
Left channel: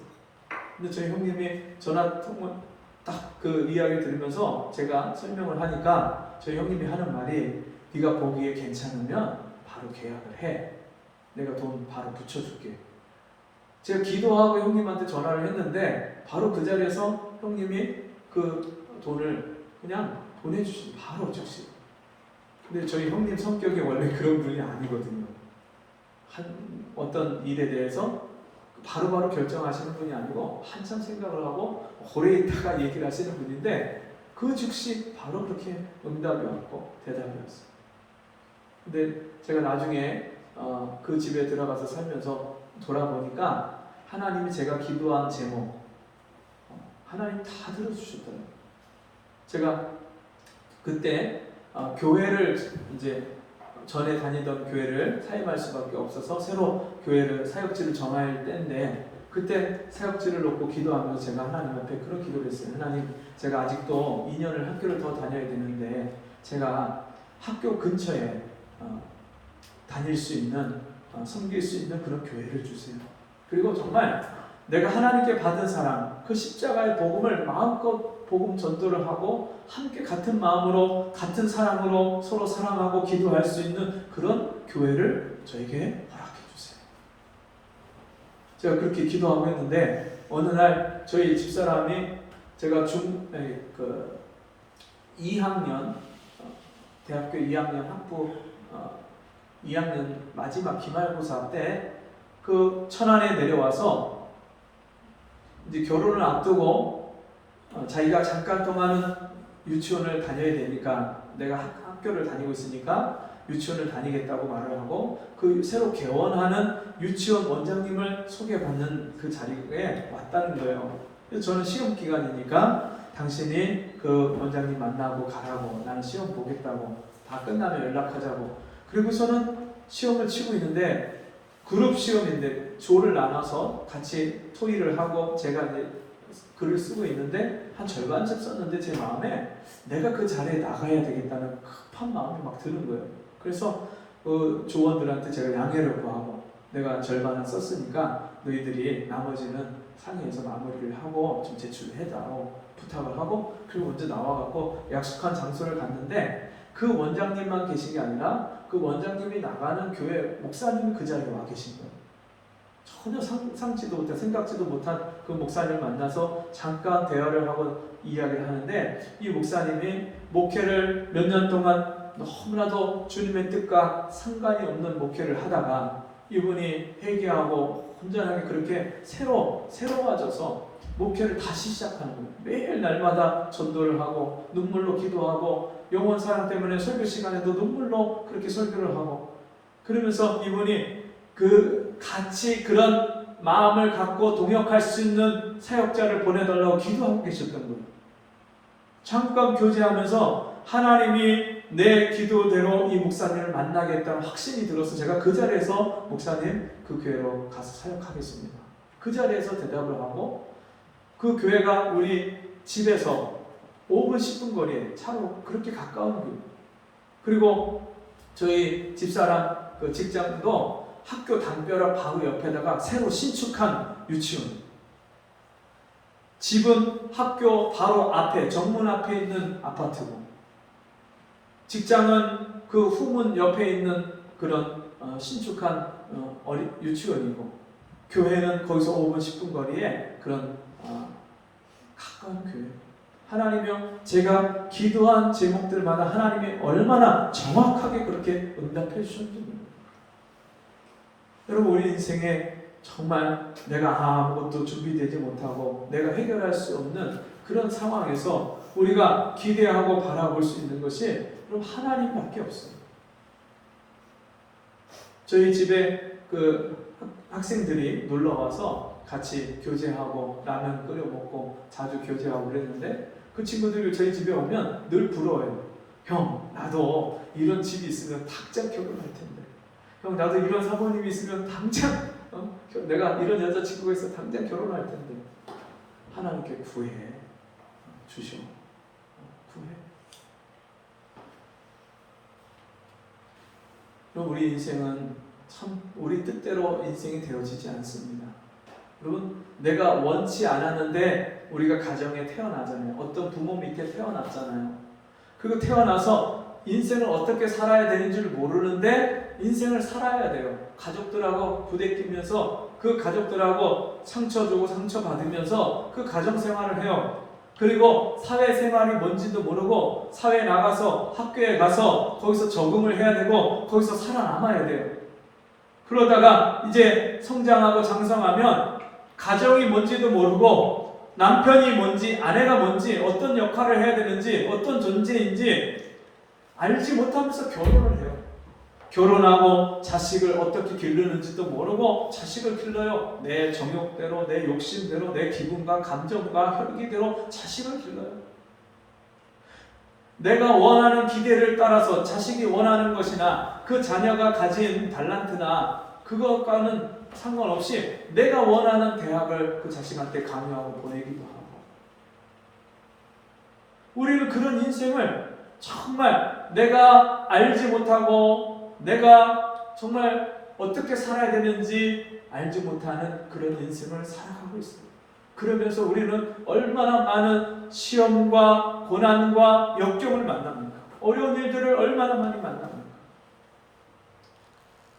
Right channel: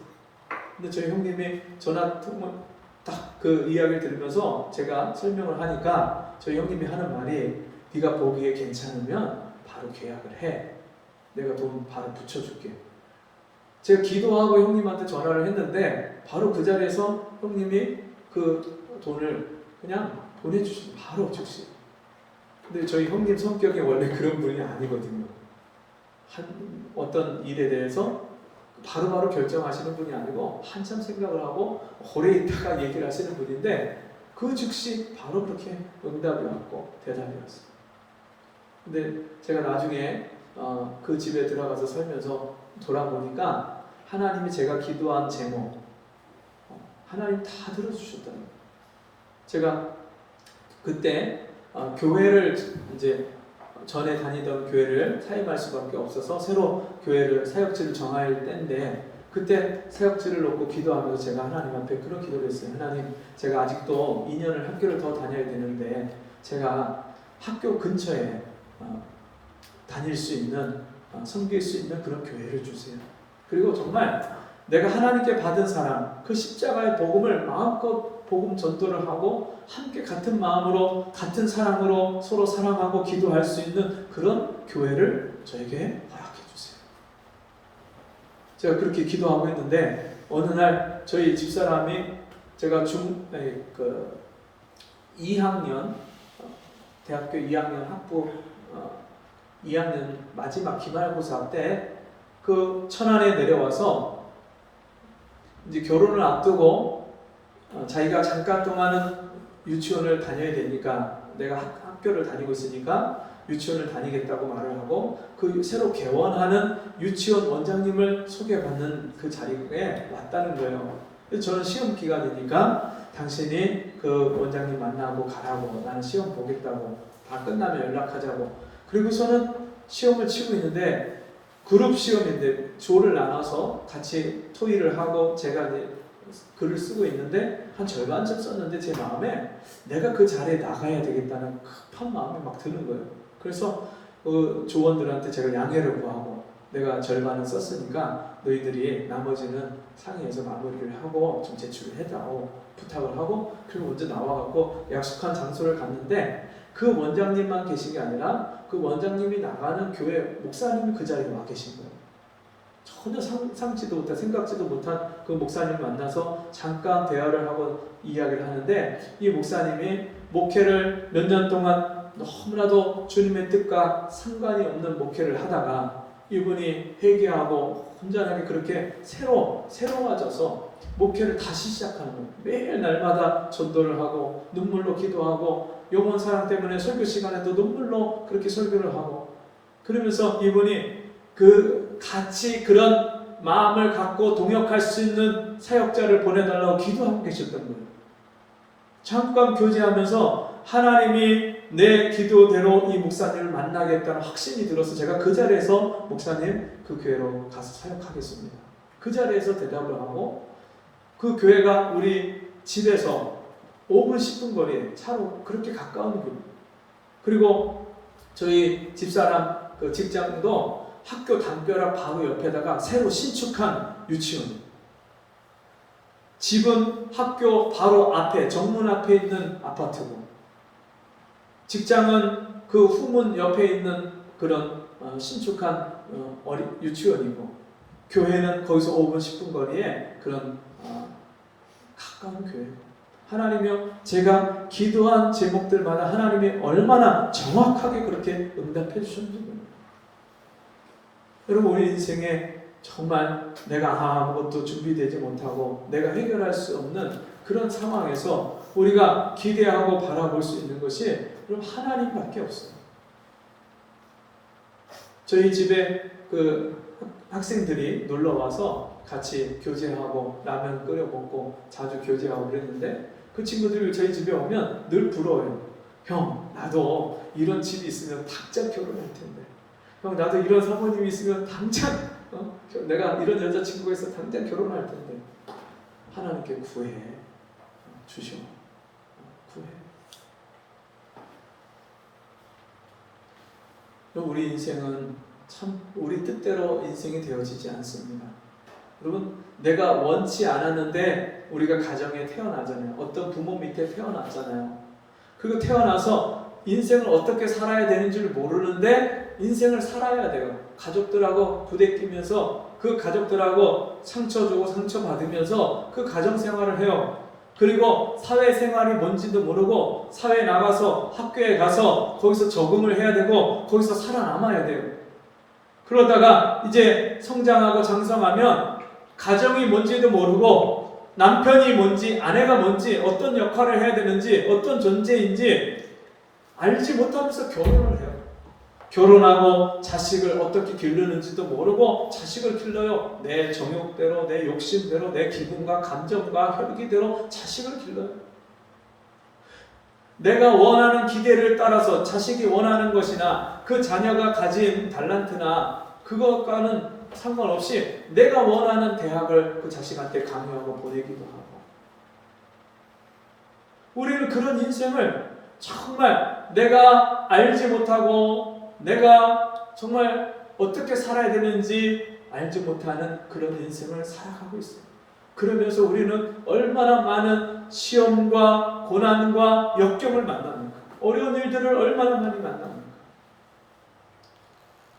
근데 저희 형님이 전화 통화 딱 그 이야기를 들으면서 제가 설명을 하니까 저희 형님이 하는 말이 네가 보기에 괜찮으면 바로 계약을 해. 내가 돈 바로 붙여줄게. 제가 기도하고 형님한테 전화를 했는데 바로 그 자리에서 형님이 그 돈을 그냥 보내주시죠. 바로 즉시. 근데 저희 형님 성격이 원래 그런 분이 아니거든요. 어떤 일에 대해서 바로바로 결정하시는 분이 아니고 한참 생각을 하고 오래 있다가 얘기를 하시는 분인데 그 즉시 바로 그렇게 응답이 왔고 대답이 왔어요. 근데 제가 나중에 그 집에 들어가서 살면서 돌아보니까 하나님이 제가 기도한 제목 하나님 다 들어주셨더라고요. 제가 그때 교회를 이제 전에 다니던 교회를 사임할 수밖에 없어서 새로 교회를 사역지를 정할 때인데 그때 사역지를 놓고 기도하면서 제가 하나님 앞에 그런 기도를 했어요. 하나님, 제가 아직도 2년을 학교를 더 다녀야 되는데 제가 학교 근처에 다닐 수 있는 섬길 수 있는 그런 교회를 주세요. 그리고 정말 내가 하나님께 받은 사랑, 그 십자가의 복음을 마음껏 복음 전도를 하고 함께 같은 마음으로 같은 사랑으로 서로 사랑하고 기도할 수 있는 그런 교회를 저에게 허락해 주세요. 제가 그렇게 기도하고 있는데 어느 날 저희 집사람이 제가 2학년 대학교 2학년 학부 2학년 마지막 기말고사 때 그 천안에 내려와서 이제 결혼을 앞두고 자기가 잠깐 동안은 유치원을 다녀야 되니까 내가 학교를 다니고 있으니까 유치원을 다니겠다고 말을 하고 그 새로 개원하는 유치원 원장님을 소개받는 그 자리에 왔다는 거예요. 그래서 저는 시험 기간이니까 당신이 그 원장님 만나고 가라고, 나는 시험 보겠다고, 다 끝나면 연락하자고. 그리고서는 시험을 치고 있는데 그룹 시험인데 조를 나눠서 같이 토의를 하고 제가 이제 글을 쓰고 있는데 한 절반쯤 썼는데 제 마음에 내가 그 자리에 나가야 되겠다는 급한 마음이 막 드는 거예요. 그래서 그 조원들한테 제가 양해를 구하고 내가 절반은 썼으니까 너희들이 나머지는 상의해서 마무리를 하고 좀 제출을 해달라고 부탁을 하고 그리고 먼저 나와갖고 약속한 장소를 갔는데 그 원장님만 계신 게 아니라 그 원장님이 나가는 교회 목사님이 그 자리에 와 계신 거예요. 전혀 상상치도 못한, 생각지도 못한 그 목사님을 만나서 잠깐 대화를 하고 이야기를 하는데 이 목사님이 목회를 몇 년 동안 너무나도 주님의 뜻과 상관이 없는 목회를 하다가 이분이 회개하고 온전하게 그렇게 새로워져서 목회를 다시 시작하는 거예요. 매일 날마다 전도를 하고 눈물로 기도하고 영혼 사랑 때문에 설교 시간에도 눈물로 그렇게 설교를 하고 그러면서 이분이 같이 그런 마음을 갖고 동역할 수 있는 사역자를 보내달라고 기도하고 계셨던 거예요. 잠깐 교제하면서 하나님이 내 기도대로 이 목사님을 만나겠다는 확신이 들어서 제가 그 자리에서 목사님 그 교회로 가서 사역하겠습니다. 그 자리에서 대답을 하고 그 교회가 우리 집에서 5분 10분 거리에 차로 그렇게 가까운 교회. 그리고 저희 집사람 그 직장도 학교 담벼락 바로 옆에다가 새로 신축한 유치원. 집은 학교 바로 앞에 정문 앞에 있는 아파트고 직장은 그 후문 옆에 있는 그런 신축한 유치원이고 교회는 거기서 5분 10분 거리에 그런 가까운 교회. 하나님이요, 제가 기도한 제목들마다 하나님이 얼마나 정확하게 그렇게 응답해 주셨는지 모릅니다. 여러분, 우리 인생에 정말 내가 아무것도 준비되지 못하고 내가 해결할 수 없는 그런 상황에서 우리가 기대하고 바라볼 수 있는 것이 여러분 하나님밖에 없어요. 저희 집에 그 학생들이 놀러 와서 같이 교제하고 라면 끓여 먹고 자주 교제하고 그랬는데 그 친구들이 저희 집에 오면 늘 부러워요. 형, 나도 이런 집이 있으면 당장 결혼할 텐데. 형, 나도 이런 사모님이 있으면 당장 내가 이런 여자친구가 있어 당장 결혼할 텐데. 하나님께 구해 주시오. 구해. 우리 인생은 참 우리 뜻대로 인생이 되어지지 않습니다. 여러분, 내가 원치 않았는데 우리가 가정에 태어나잖아요. 어떤 부모 밑에 태어났잖아요. 그리고 태어나서 인생을 어떻게 살아야 되는 줄 모르는데 인생을 살아야 돼요. 가족들하고 부대끼면서 그 가족들하고 상처 주고 상처 받으면서 그 가정 생활을 해요. 그리고 사회생활이 뭔지도 모르고 사회에 나가서 학교에 가서 거기서 적응을 해야 되고 거기서 살아남아야 돼요. 그러다가 이제 성장하고 장성하면 가정이 뭔지도 모르고 남편이 뭔지 아내가 뭔지 어떤 역할을 해야 되는지 어떤 존재인지 알지 못하면서 결혼을 해요. 결혼하고 자식을 어떻게 기르는지도 모르고 자식을 길러요. 내 정욕대로, 내 욕심대로, 내 기분과 감정과 혈기대로 자식을 길러요. 내가 원하는 기대를 따라서 자식이 원하는 것이나 그 자녀가 가진 달란트나 그것과는 상관없이 내가 원하는 대학을 그 자식한테 강요하고 보내기도 하고. 우리는 그런 인생을 정말 내가 알지 못하고 내가 정말 어떻게 살아야 되는지 알지 못하는 그런 인생을 살아가고 있습니다. 그러면서 우리는 얼마나 많은 시험과 고난과 역경을 만납니까? 어려운 일들을 얼마나 많이 만납니까?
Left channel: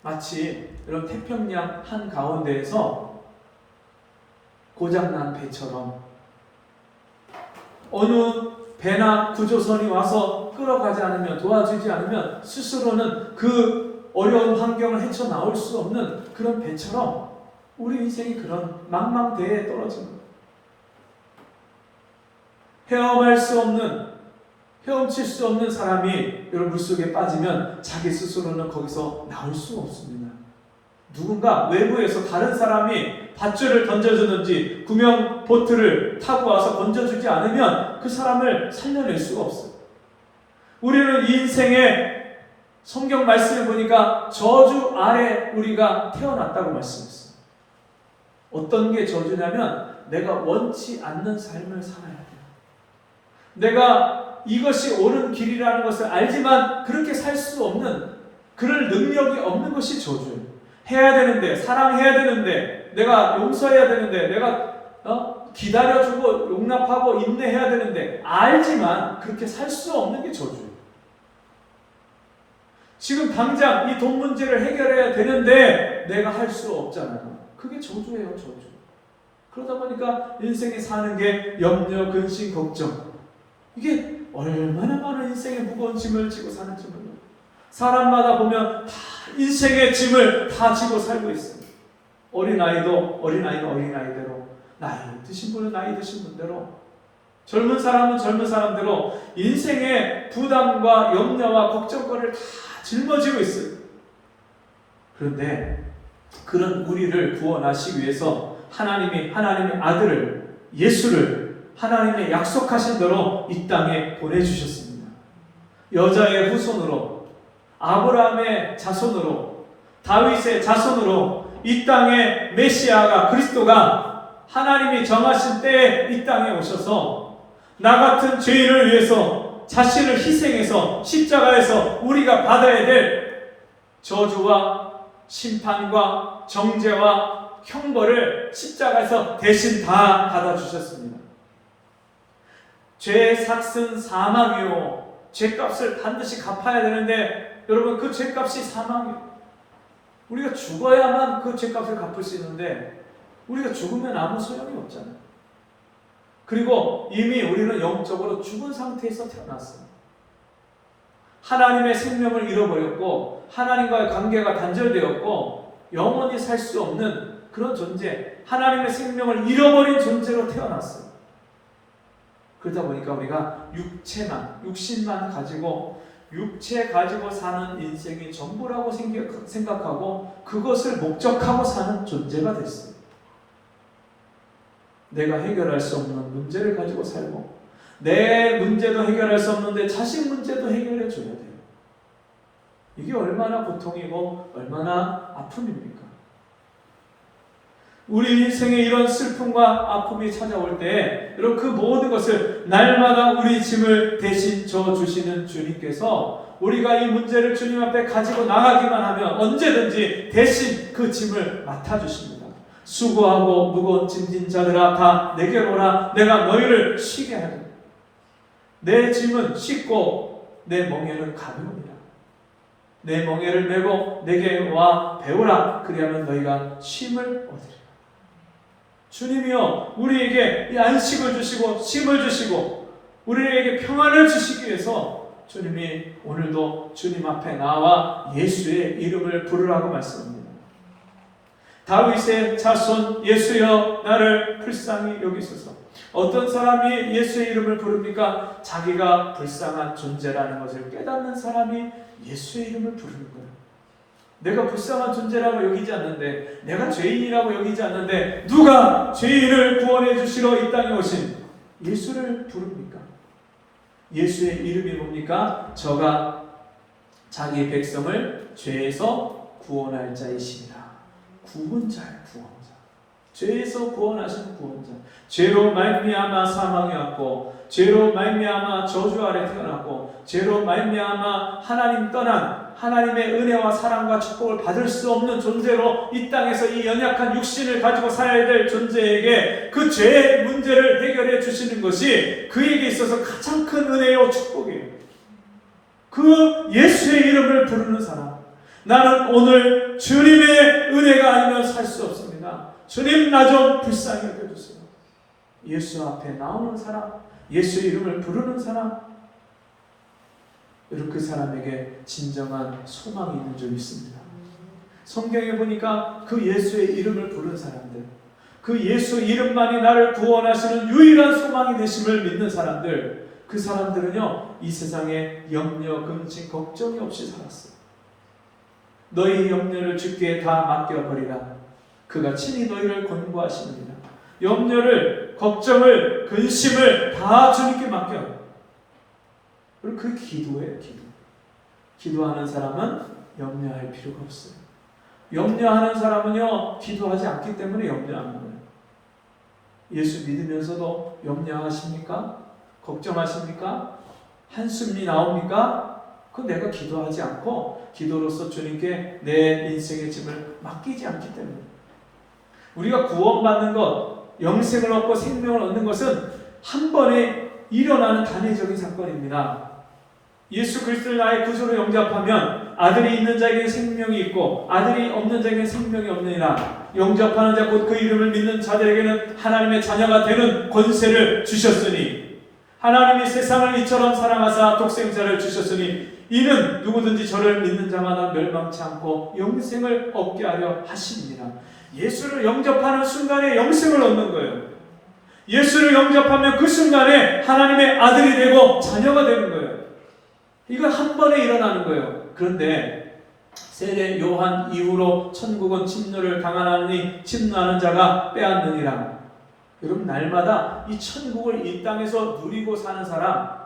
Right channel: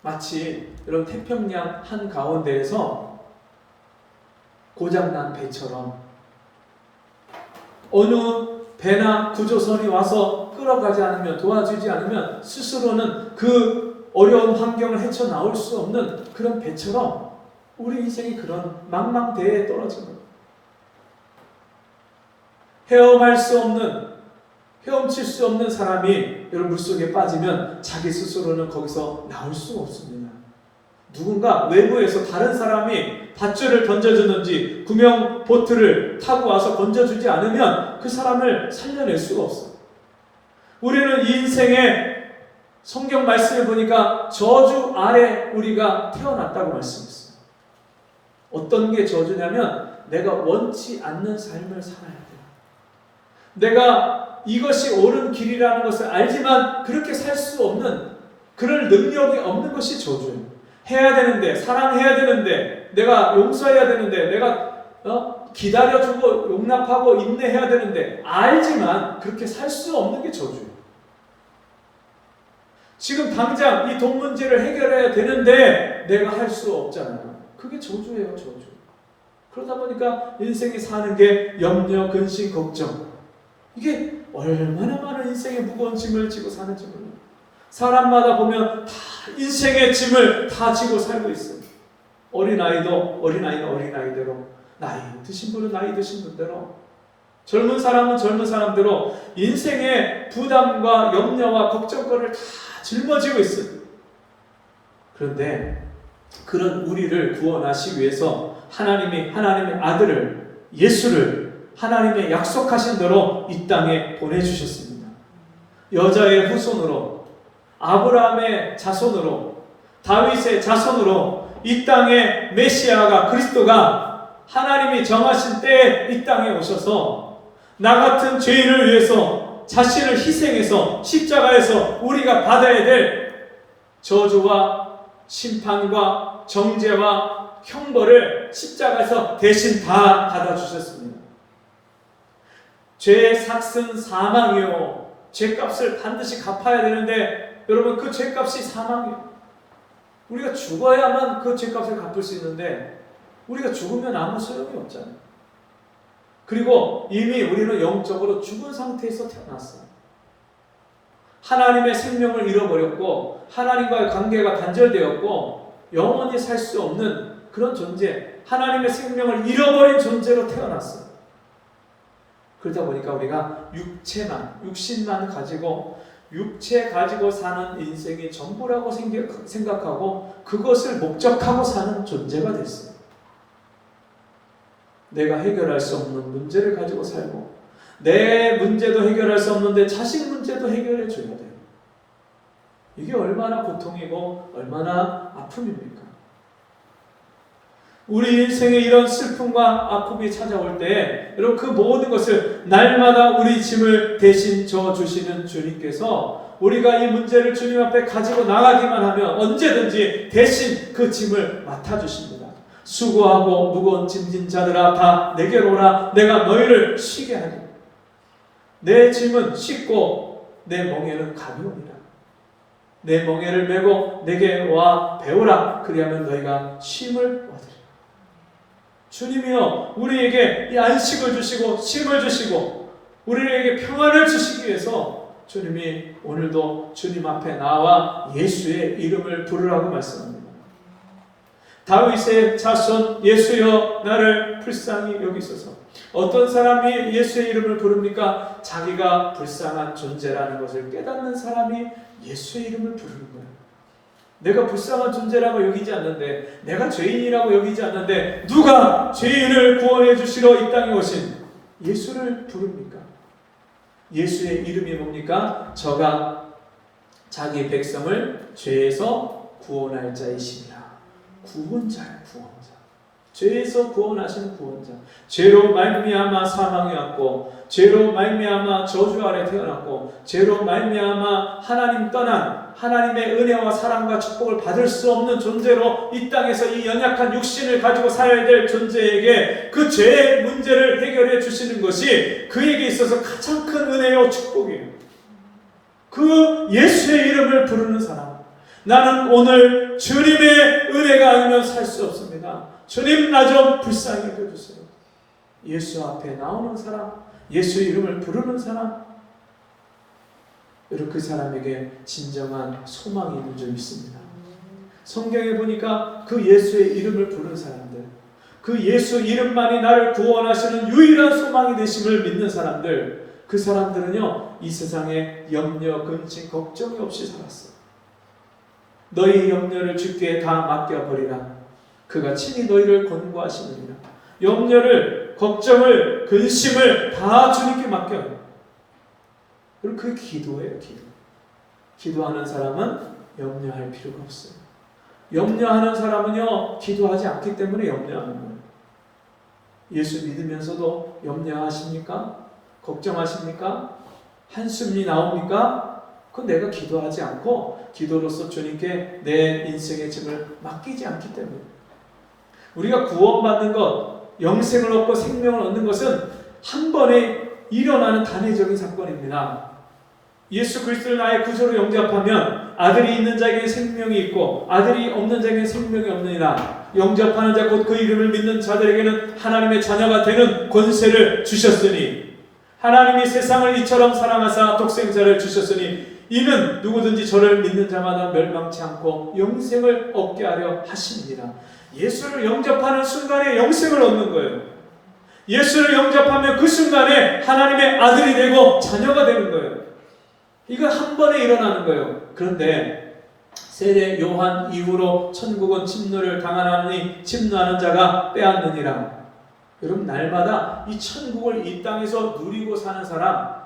마치 이런 태평양 한가운데에서 고장난 배처럼 어느 배나 구조선이 와서 끌어가지 않으면 도와주지 않으면 스스로는 그 어려운 환경을 헤쳐나올 수 없는 그런 배처럼 우리 인생이 그런 망망대해에 떨어지는 거예요. 헤엄할 수 없는 헤엄칠 수 없는 사람이 여러분 물속에 빠지면 자기 스스로는 거기서 나올 수가 없습니다. 누군가 외부에서 다른 사람이 밧줄을 던져주는지 구명 보트를 타고 와서 건져주지 않으면 그 사람을 살려낼 수가 없어요. 우리는 이 인생에 성경 말씀을 보니까 저주 아래 우리가 태어났다고 말씀했어요. 어떤 게 저주냐면 내가 원치 않는 삶을 살아야 돼요. 내가 이것이 옳은 길이라는 것을 알지만 그렇게 살 수 없는 그럴 능력이 없는 것이 저주예요. 해야 되는데, 사랑해야 되는데, 내가 용서해야 되는데, 내가 기다려주고 용납하고 인내해야 되는데 알지만 그렇게 살 수 없는 게 저주예요. 지금 당장 이 돈 문제를 해결해야 되는데 내가 할 수 없잖아요. 그게 저주예요, 저주. 그러다 보니까 인생이 사는 게 염려, 근심, 걱정. 이게 얼마나 많은 인생의 무거운 짐을 지고 사는지 몰라요. 사람마다 보면 다 인생의 짐을 다 지고 살고 있어요. 어린아이도 어린아이대로, 나이 드신 분은 나이 드신 분대로, 젊은 사람은 젊은 사람대로 인생의 부담과 염려와 걱정거리를 다 짊어지고 있어요. 그런데 그런 우리를 구원하시기 위해서 하나님의 아들을, 예수를 하나님의 약속하신 대로 이 땅에 보내주셨습니다. 여자의 후손으로, 아브라함의 자손으로, 다윗의 자손으로 이 땅에 메시아가, 그리스도가 하나님이 정하신 때에 이 땅에 오셔서 나 같은 죄인을 위해서 자신을 희생해서 십자가에서 우리가 받아야 될 저주와 심판과 정죄와 형벌을 십자가에서 대신 다 받아주셨습니다. 죄의 삭은 사망이요, 죄값을 반드시 갚아야 되는데 여러분, 그 죄값이 사망이에요. 우리가 죽어야만 그 죄값을 갚을 수 있는데 우리가 죽으면 아무 소용이 없잖아요. 그리고 이미 우리는 영적으로 죽은 상태에서 태어났어요. 하나님의 생명을 잃어버렸고 하나님과의 관계가 단절되었고 영원히 살 수 없는 그런 존재, 하나님의 생명을 잃어버린 존재로 태어났어요. 그러다 보니까 우리가 육신만 가지고, 육체 가지고 사는 인생이 전부라고 생각하고 그것을 목적하고 사는 존재가 됐어요. 내가 해결할 수 없는 문제를 가지고 살고, 내 문제도 해결할 수 없는데 자식 문제도 해결해 줘야 돼요. 이게 얼마나 고통이고 얼마나 아픔입니까? 우리 인생에 이런 슬픔과 아픔이 찾아올 때 여러분 그 모든 것을 날마다 우리 짐을 대신 져주시는 주님께서 우리가 이 문제를 주님 앞에 가지고 나가기만 하면 언제든지 대신 그 짐을 맡아주십니다. 수고하고 무거운 짐진 자들아 다 내게로 오라 내가 너희를 쉬게 하리. 내 짐은 쉽고 내 멍에는 가벼우니라. 내 멍에를 메고 내게 와 배우라. 그리하면 너희가 쉼을 얻으리라. 주님이여 우리에게 이 안식을 주시고 쉼을 주시고 우리에게 평안을 주시기 위해서 주님이 오늘도 주님 앞에 나와 예수의 이름을 부르라고 말씀합니다. 다윗의 자손 예수여 나를 불쌍히 여기소서. 어떤 사람이 예수의 이름을 부릅니까? 자기가 불쌍한 존재라는 것을 깨닫는 사람이 예수의 이름을 부르는 거예요. 내가 불쌍한 존재라고 여기지 않는데, 내가 죄인이라고 여기지 않는데 누가 죄인을 구원해 주시러 이 땅에 오신 예수를 부릅니까? 예수의 이름이 뭡니까? 저가 자기 백성을 죄에서 구원할 자이시니라. 구원자예요, 구원자. 죄에서 구원하시는 구원자. 죄로 말미암아 사망이 왔고, 죄로 말미암아 저주 아래 태어났고, 죄로 말미암아 하나님 떠난 하나님의 은혜와 사랑과 축복을 받을 수 없는 존재로 이 땅에서 이 연약한 육신을 가지고 살아야 될 존재에게 그 죄의 문제를 해결해 주시는 것이 그에게 있어서 가장 큰 은혜요 축복이에요. 그 예수의 이름을 부르는 사람, 나는 오늘 주님의 은혜가 아니면 살 수 없습니다. 주님 나 좀 불쌍히 여겨주세요. 예수 앞에 나오는 사람, 예수의 이름을 부르는 사람, 여러분 그 사람에게 진정한 소망이 있는 줄 믿습니다. 성경에 보니까 그 예수의 이름을 부르는 사람들, 그 예수 이름만이 나를 구원하시는 유일한 소망이 되심을 믿는 사람들, 그 사람들은요 이 세상에 염려, 근심, 걱정이 없이 살았어요. 너희 염려를 주께 다 맡겨버리라. 그가 친히 너희를 권고하시느니라. 염려를, 걱정을, 근심을 다 주님께 맡겨요. 그리고 그게 기도예요, 기도. 기도하는 사람은 염려할 필요가 없어요. 염려하는 사람은요, 기도하지 않기 때문에 염려하는 거예요. 예수 믿으면서도 염려하십니까? 걱정하십니까? 한숨이 나옵니까? 그건 내가 기도하지 않고 기도로서 주님께 내 인생의 짐을 맡기지 않기 때문에. 우리가 구원받는 것, 영생을 얻고 생명을 얻는 것은 한 번에 일어나는 단회적인 사건입니다. 예수 그리스도를 나의 구주로 영접하면 아들이 있는 자에게 생명이 있고 아들이 없는 자에게 생명이 없느니라. 영접하는 자 곧 그 이름을 믿는 자들에게는 하나님의 자녀가 되는 권세를 주셨으니 하나님이 세상을 이처럼 사랑하사 독생자를 주셨으니 이는 누구든지 저를 믿는 자마다 멸망치 않고 영생을 얻게 하려 하시니라. 예수를 영접하는 순간에 영생을 얻는 거예요. 예수를 영접하면 그 순간에 하나님의 아들이 되고 자녀가 되는 거예요. 이건 한 번에 일어나는 거예요. 그런데 세례 요한 이후로 천국은 침노를 당하나니 침노하는 자가 빼앗느니라. 여러분 날마다 이 천국을 이 땅에서 누리고 사는 사람,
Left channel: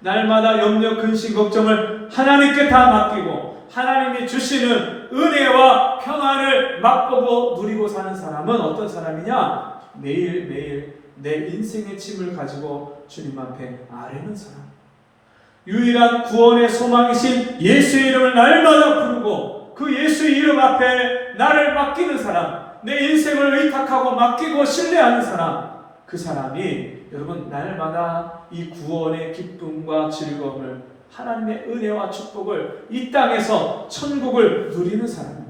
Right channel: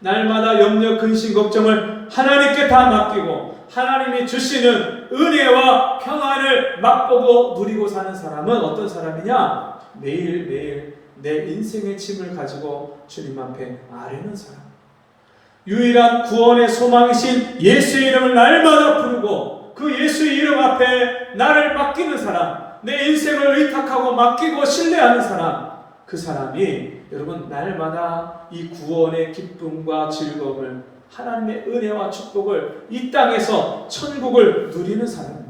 날마다 염려, 근심, 걱정을 하나님께 다 맡기고 하나님이 주시는 은혜와 평안을 맛보고 누리고 사는 사람은 어떤 사람이냐? 매일매일 내 인생의 짐을 가지고 주님 앞에 아뢰는 사람. 유일한 구원의 소망이신 예수의 이름을 날마다 부르고 그 예수의 이름 앞에 나를 맡기는 사람, 내 인생을 의탁하고 맡기고 신뢰하는 사람, 그 사람이 여러분 날마다 이 구원의 기쁨과 즐거움을, 하나님의 은혜와 축복을 이 땅에서 천국을 누리는 사람입니다.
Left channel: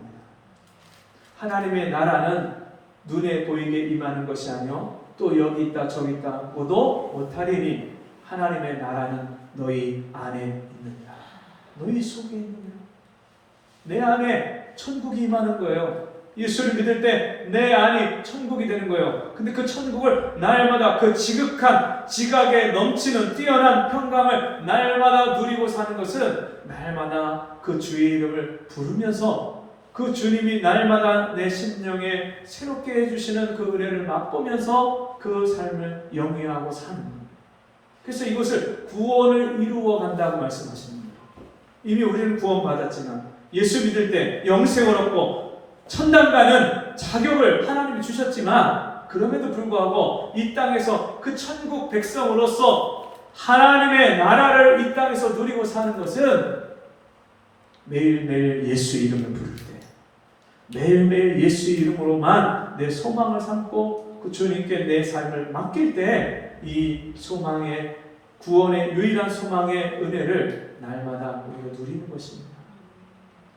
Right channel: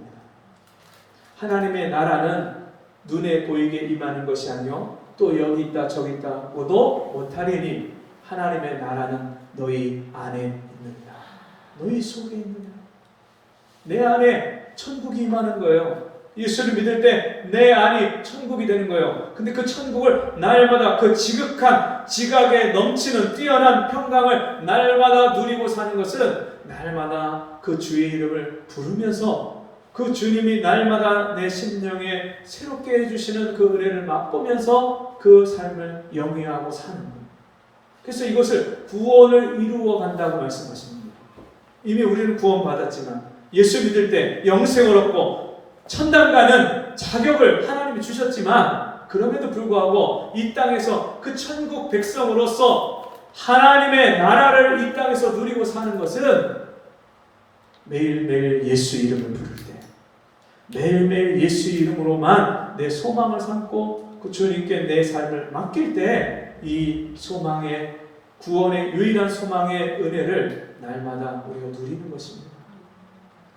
하나님의 나라는 눈에 보이게 임하는 것이 아니요 또 여기 있다 저기 있다 보도 못하리니 하나님의 나라는 너희 안에 있느니라. 너희 속에 있느니라. 내 안에 천국이 임하는 거예요. 예수를 믿을 때 내 안이 천국이 되는 거예요. 근데 그 천국을 날마다 그 지극한 지각에 넘치는 뛰어난 평강을 날마다 누리고 사는 것은 날마다 그 주의 이름을 부르면서 그 주님이 날마다 내 심령에 새롭게 해주시는 그 은혜를 맛보면서 그 삶을 영위하고 사는 거예요. 그래서 이것을 구원을 이루어 간다고 말씀하시는 거예요. 이미 우리는 구원받았지만 예수 믿을 때 영생을 얻고 천당 가는 자격을 하나님이 주셨지만 그럼에도 불구하고 이 땅에서 그 천국 백성으로서 하나님의 나라를 이 땅에서 누리고 사는 것은 매일매일 예수 이름을 부를 때, 매일매일 예수 이름으로만 내 소망을 삼고 그 주님께 내 삶을 맡길 때 이 소망의 구원의 유일한 소망의 은혜를 날마다 우리가 누리는 것입니다.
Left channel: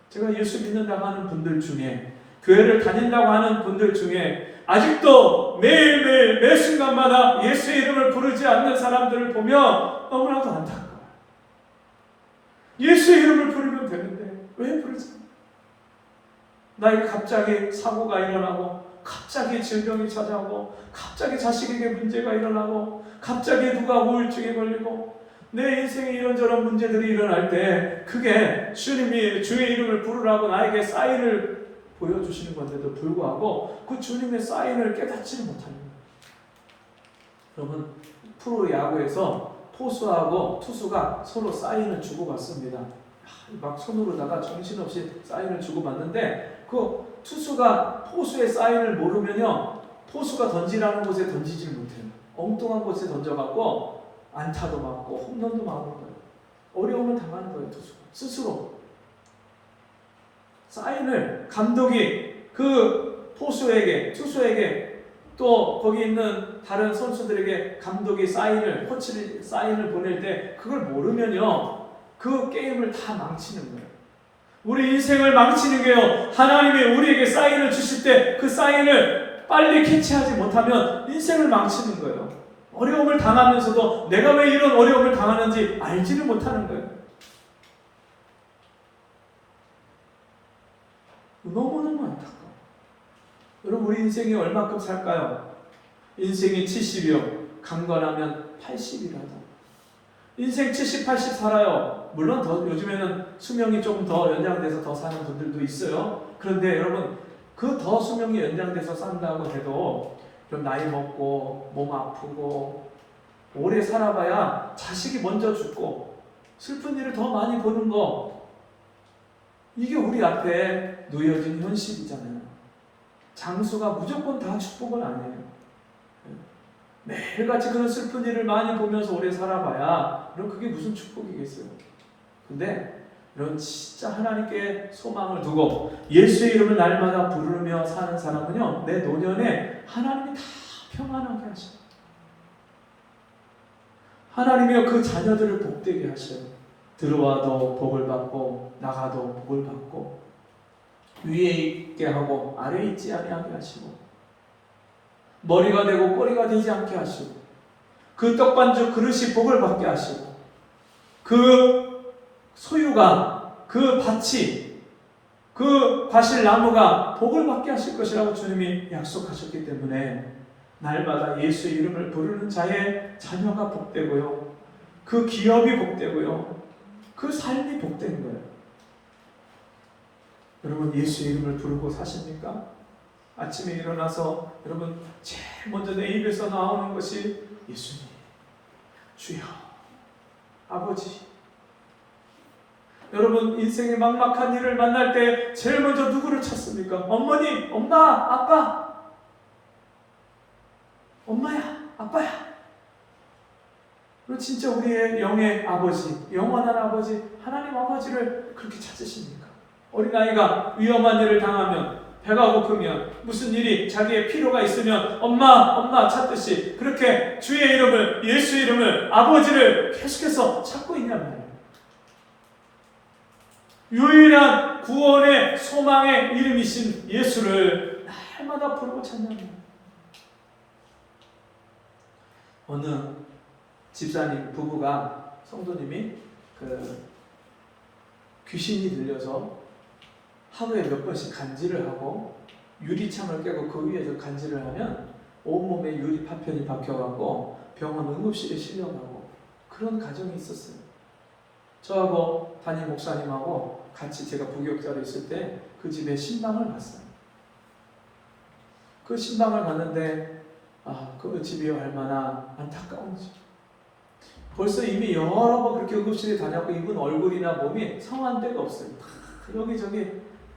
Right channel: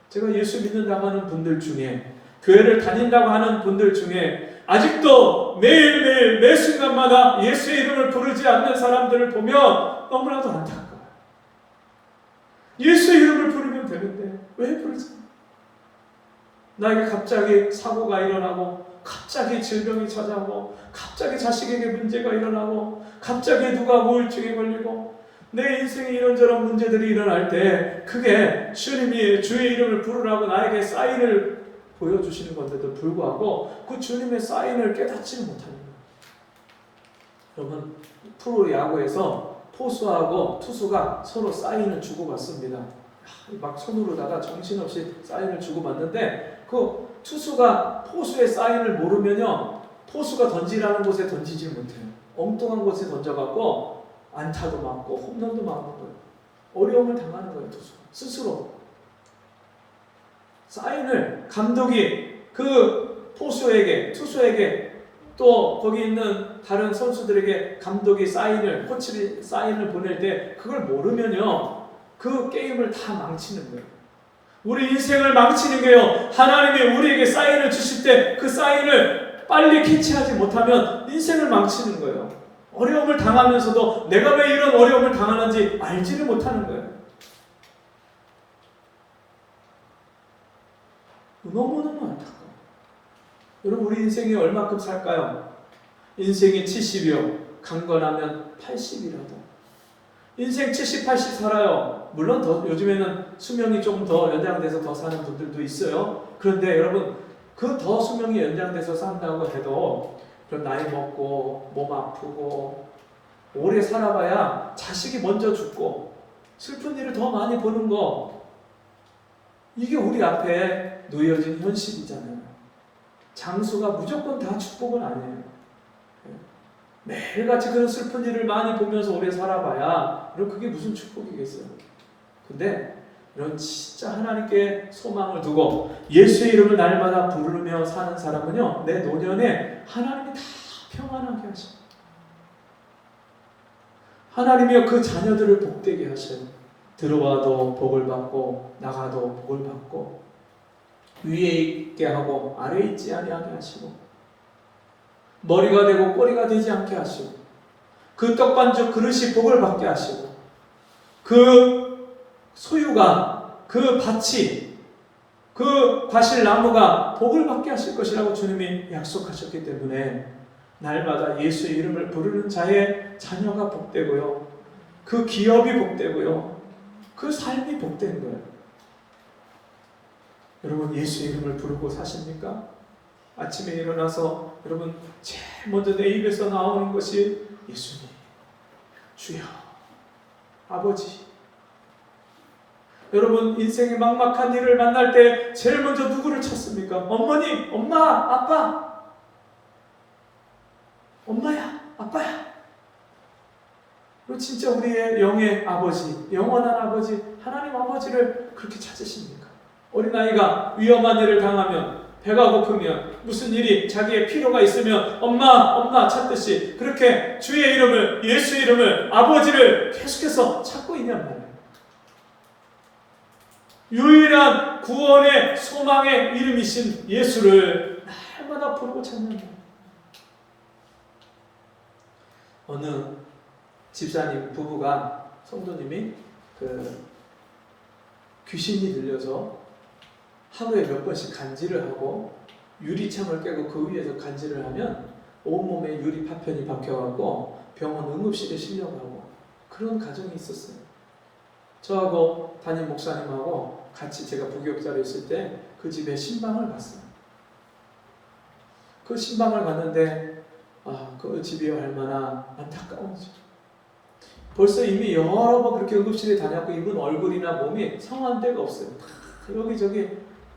제가 예수 믿는다고 하는 분들 중에, 교회를 다닌다고 하는 분들 중에 아직도 매일매일 매 순간마다 예수의 이름을 부르지 않는 사람들을 보면 너무나도 안타까워요. 예수의 이름을 부르면 되는데 왜 부르지? 나에게 갑자기 사고가 일어나고, 갑자기 질병이 찾아오고, 갑자기 자식에게 문제가 일어나고, 갑자기 누가 우울증에 걸리고, 내 인생에 이런저런 문제들이 일어날 때 그게 주님이 주의 이름을 부르라고 나에게 사인을 보여주시는 건데도 불구하고 그 주님의 사인을 깨닫지를 못하는 거예요. 여러분, 프로야구에서 포수하고 투수가 서로 사인을 주고받습니다. 막 손으로다가 정신없이 사인을 주고받는데 그 투수가 포수의 사인을 모르면요, 포수가 던지라는 곳에 던지지 못해요. 엉뚱한 곳에 던져갖고 안타도 맞고 홈런도 맞는 거예요. 어려움을 당하는 거예요. 투수가 스스로. 사인을 감독이 그 포수에게, 투수에게, 또 거기 있는 다른 선수들에게 감독이 사인을, 코치를 사인을 보낼 때 그걸 모르면요, 그 게임을 다 망치는 거예요. 우리 인생을 망치는 게요, 하나님이 우리에게 사인을 주실 때 그 사인을 빨리 캐치하지 못하면 인생을 망치는 거예요. 어려움을 당하면서도 내가 왜 이런 어려움을 당하는지 알지를 못하는 거예요. 너무너무 안타까워요. 여러분, 우리 인생이 얼마큼 살까요? 인생이 70이요. 강건하면 80이라도. 인생 70, 80 살아요. 물론 더 요즘에는 수명이 조금 더 연장돼서 더 사는 분들도 있어요. 그런데 여러분, 그 더 수명이 연장돼서 산다고 해도 좀 나이 먹고 몸 아프고 오래 살아봐야 자식이 먼저 죽고 슬픈 일을 더 많이 보는 거, 이게 우리 앞에 놓여진 현실이잖아요. 장수가 무조건 다 축복은 아니에요. 매일같이 그런 슬픈 일을 많이 보면서 오래 살아봐야 그럼 그게 무슨 축복이겠어요. 근데 이런 진짜 하나님께 소망을 두고 예수의 이름을 날마다 부르며 사는 사람은요, 내 노년에 하나님이 다 평안하게 하셔요. 하나님이 그 자녀들을 복되게 하셔요. 들어와도 복을 받고 나가도 복을 받고, 위에 있게 하고 아래에 있지 아니하게 하시고, 머리가 되고 꼬리가 되지 않게 하시고, 그 떡반죽 그릇이 복을 받게 하시고, 그 소유가, 그 밭이, 그 과실나무가 복을 받게 하실 것이라고 주님이 약속하셨기 때문에 날마다 예수의 이름을 부르는 자의 자녀가 복되고요, 그 기업이 복되고요, 그 삶이 복된 거예요. 여러분, 예수의 이름을 부르고 사십니까? 아침에 일어나서 여러분 제일 먼저 내 입에서 나오는 것이 예수님, 주여, 아버지. 여러분, 인생의 막막한 일을 만날 때 제일 먼저 누구를 찾습니까? 어머니, 엄마, 아빠. 엄마야, 아빠야. 그리고 진짜 우리의 영의 아버지, 영원한 아버지, 하나님 아버지를 그렇게 찾으십니까? 어린아이가 위험한 일을 당하면, 배가 고프면, 무슨 일이 자기의 필요가 있으면 엄마, 엄마 찾듯이 그렇게 주의 이름을, 예수 이름을, 아버지를 계속해서 찾고 있냔 말이에요. 유일한 구원의 소망의 이름이신 예수를 날마다 부르고 찾는 거예요. 어느 집사님 부부가, 성도님이 귀신이 들려서 하루에 몇 번씩 간질을 하고 유리창을 깨고 그 위에서 간질을 하면 온몸에 유리 파편이 박혀갖고 병원 응급실에 실려가고 그런 가정이 있었어요. 저하고 담임 목사님하고 같이 제가 부교육자로 있을 때 그 집에 신방을 갔어요. 그 신방을 갔는데 그 집이 얼마나 안타까운지. 벌써 이미 여러 번 그렇게 응급실에 다녔고 이분 얼굴이나 몸이 성한 데가 없어요. 여기저기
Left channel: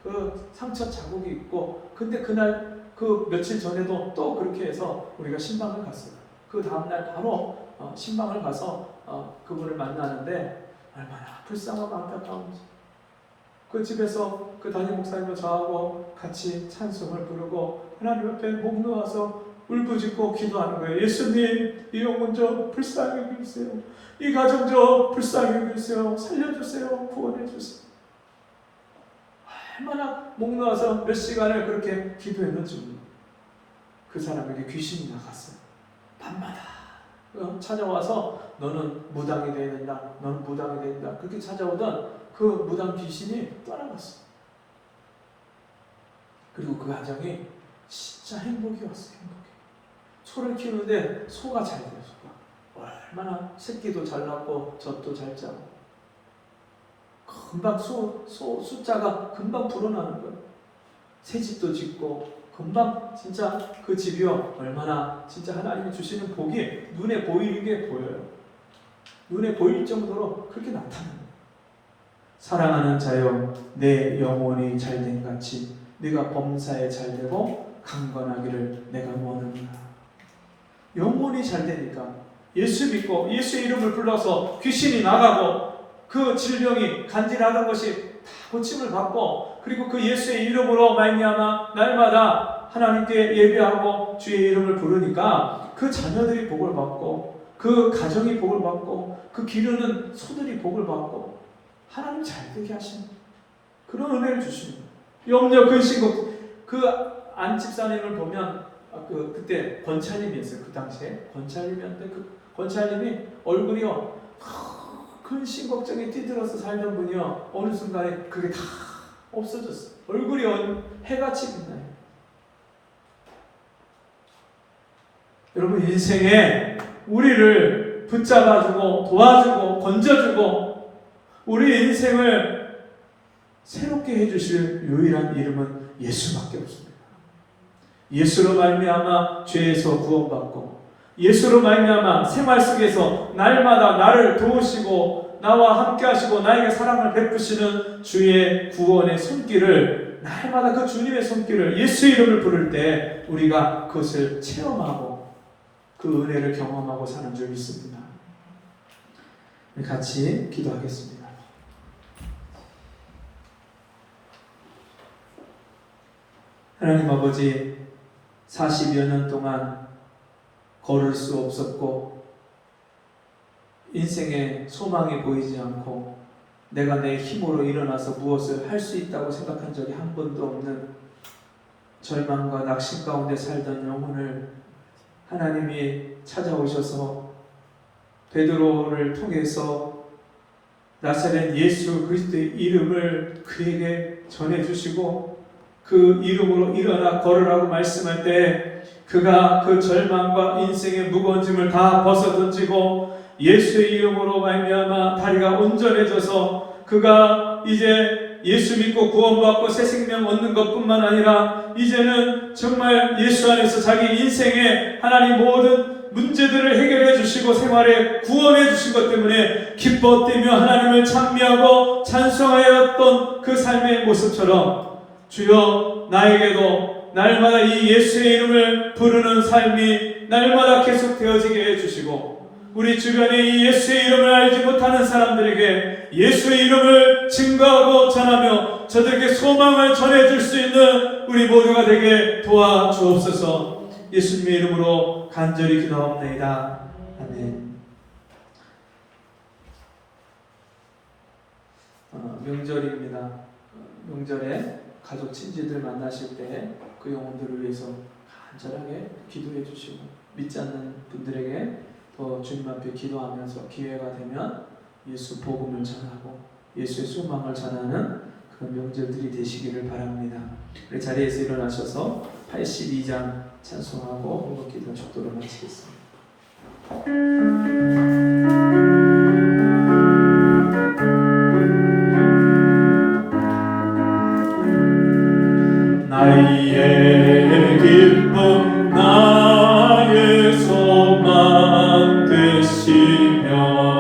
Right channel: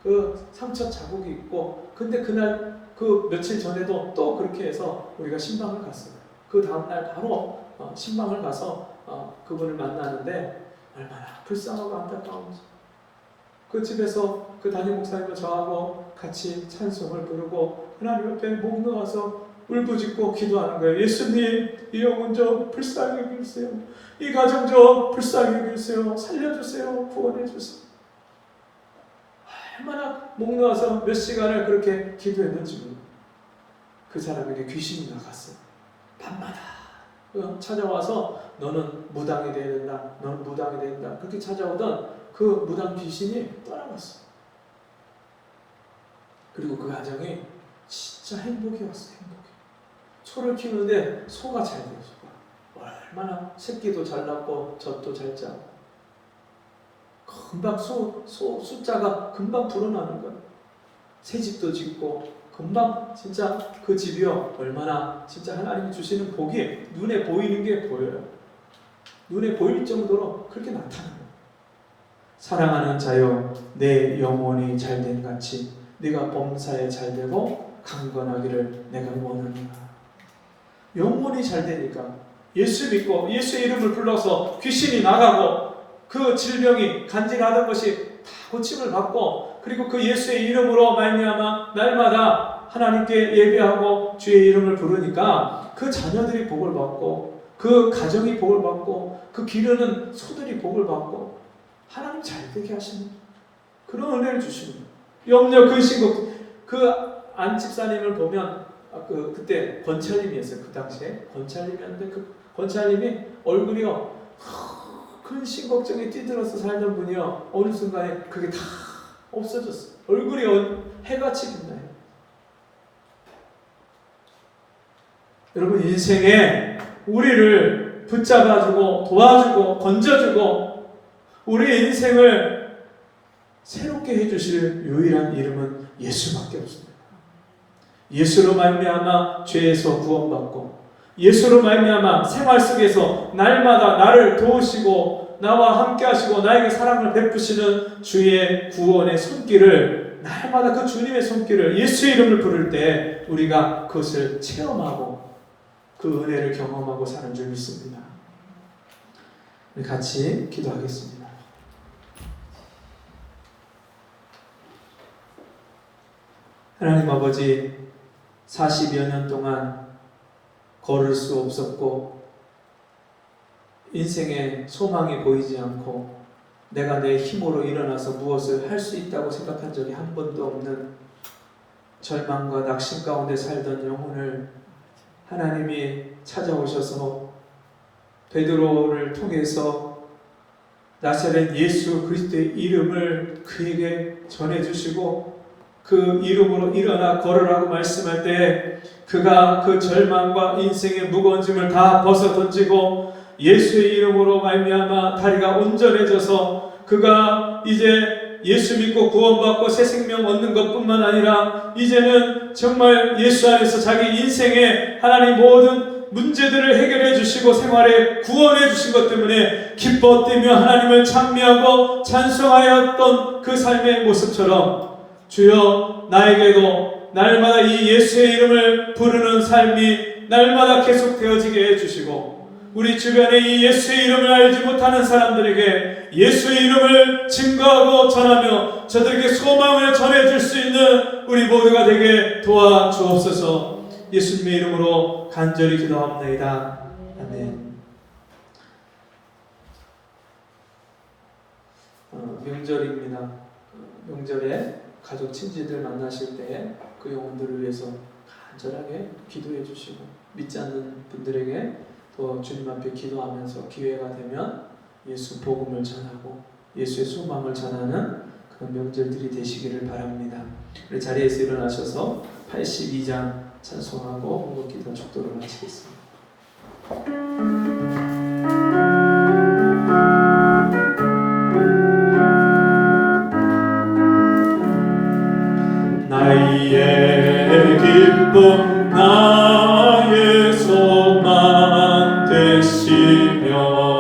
그 상처 자국이 있고, 근데 그날 그 며칠 전에도 또 그렇게 해서 우리가 신방을 갔어요. 그 다음날 바로 신방을 가서 그분을 만나는데 얼마나 불쌍하고 안타까운지. 그 집에서 그 담임 목사님과 저하고 같이 찬송을 부르고 하나님 앞에 목 놓아서 울부짖고 기도하는 거예요. 예수님, 이 영혼 좀 불쌍히 여기세요. 이 가정 좀 불쌍히 여기세요. 살려주세요. 구원해주세요. 얼마나 목 놓아서 몇 시간을 그렇게 기도했는지. 그 사람에게 귀신이 나갔어요. 밤마다 찾아와서 너는 무당이 되어야 된다. 너는 무당이 되어야 된다. 그렇게 찾아오던 그 무당 귀신이 떠나갔어요. 그리고 그 가정이 진짜 행복이 왔어요. 행복이. 소를 키우는데 소가 잘 돼요. 소가. 얼마나 새끼도 잘 낳고 젖도 잘 짜고 금방 숫자가 금방 불어나는 거예요. 새 집도 짓고 금방 진짜 그 집이요 얼마나 진짜 하나님이 주시는 복이 눈에 보이는 게 보여요. 눈에 보일 정도로 그렇게 나타나요. 사랑하는 자여, 내 영혼이 잘된 같이 네가 범사에 잘되고 강건하기를 내가 원하노라. 영혼이 잘되니까 예수 믿고 예수의 이름을 불러서 귀신이 나가고 그 질병이 간질하던 것이 다 고침을 받고, 그리고 그 예수의 이름으로 말미암아 날마다 하나님께 예배하고 주의 이름을 부르니까 그 자녀들이 복을 받고 그 가정이 복을 받고 그 기르는 소들이 복을 받고 하나님 잘되게 하시는 그런 은혜를 주시는 염려 근심 그 안집사님을 보면 그때 권찰님이었어요. 그 당시에 권찰님이었는데 그 권찰님이 얼굴이요 근심 걱정에 찌들어서 살던 분이요 어느 순간에 그게 다 없어졌어요. 얼굴이 해같이 빛나요. 여러분 인생에 우리를 붙잡아주고 도와주고 건져주고 우리 인생을 새롭게 해주실 유일한 이름은 예수밖에 없습니다. 예수로 말미암아 죄에서 구원받고 예수로 말미암아 생활 속에서 날마다 나를 도우시고 나와 함께 하시고 나에게 사랑을 베푸시는 주의 구원의 손길을 날마다 그 주님의 손길을 예수의 이름을 부를 때 우리가 그것을 체험하고 그 은혜를 경험하고 사는 줄 믿습니다. 우리 같이 기도하겠습니다. 하나님 아버지, 40여 년 동안 걸을 수 없었고 인생에 소망이 보이지 않고 내가 내 힘으로 일어나서 무엇을 할 수 있다고 생각한 적이 한 번도 없는 절망과 낙심 가운데 살던 영혼을 하나님이 찾아오셔서 베드로를 통해서 나사렛 예수 그리스도의 이름을 그에게 전해주시고 그 이름으로 일어나 걸으라고 말씀할 때 그가 그 절망과 인생의 무거운 짐을 다 벗어 던지고 예수의 이름으로 말미암아 다리가 온전해져서 그가 이제 예수 믿고 구원받고 새 생명 얻는 것뿐만 아니라 이제는 정말 예수 안에서 자기 인생의 하나님 모든 문제들을 해결해 주시고 생활에 구원해 주신 것 때문에 기뻐 뛰며 하나님을 찬미하고 찬송하였던 그 삶의 모습처럼 주여 나에게도 날마다 이 예수의 이름을 부르는 삶이 날마다 계속 되어지게 해주시고 우리 주변에 이 예수의 이름을 알지 못하는 사람들에게 예수의 이름을 증거하고 전하며 저들에게 소망을 전해줄 수 있는 우리 모두가 되게 도와주옵소서. 예수님의 이름으로 간절히 기도합니다. 아멘. 명절입니다. 명절에 가족 친지들 만나실 때 그 영혼들을 위해서 간절하게 기도해 주시고 믿지 않는 분들에게 또 주님 앞에 기도하면서 기회가 되면 예수 복음을 전하고 예수의 소망을 전하는 그런 명절들이 되시기를 바랍니다. 우리 자리에서 일어나셔서 82장 찬송하고 무릎 기도 축도를 마치겠습니다. 나의 기쁨 나의 소망 되시며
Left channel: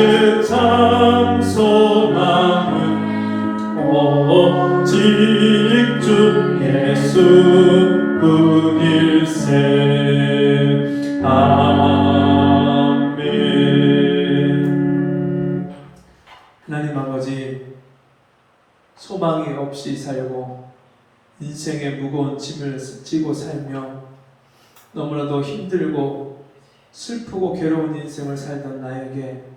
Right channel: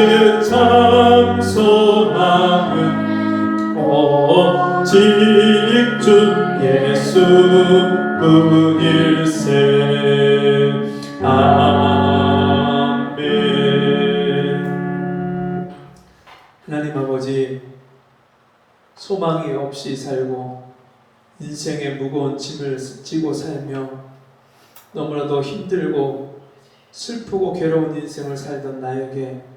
나의 참 소망은 오직 주 예수뿐일세. 아멘. 하나님 아버지, 소망이 없이 살고 인생의 무거운 짐을 지고 살며 너무나도 힘들고 슬프고 괴로운 인생을 살던 나에게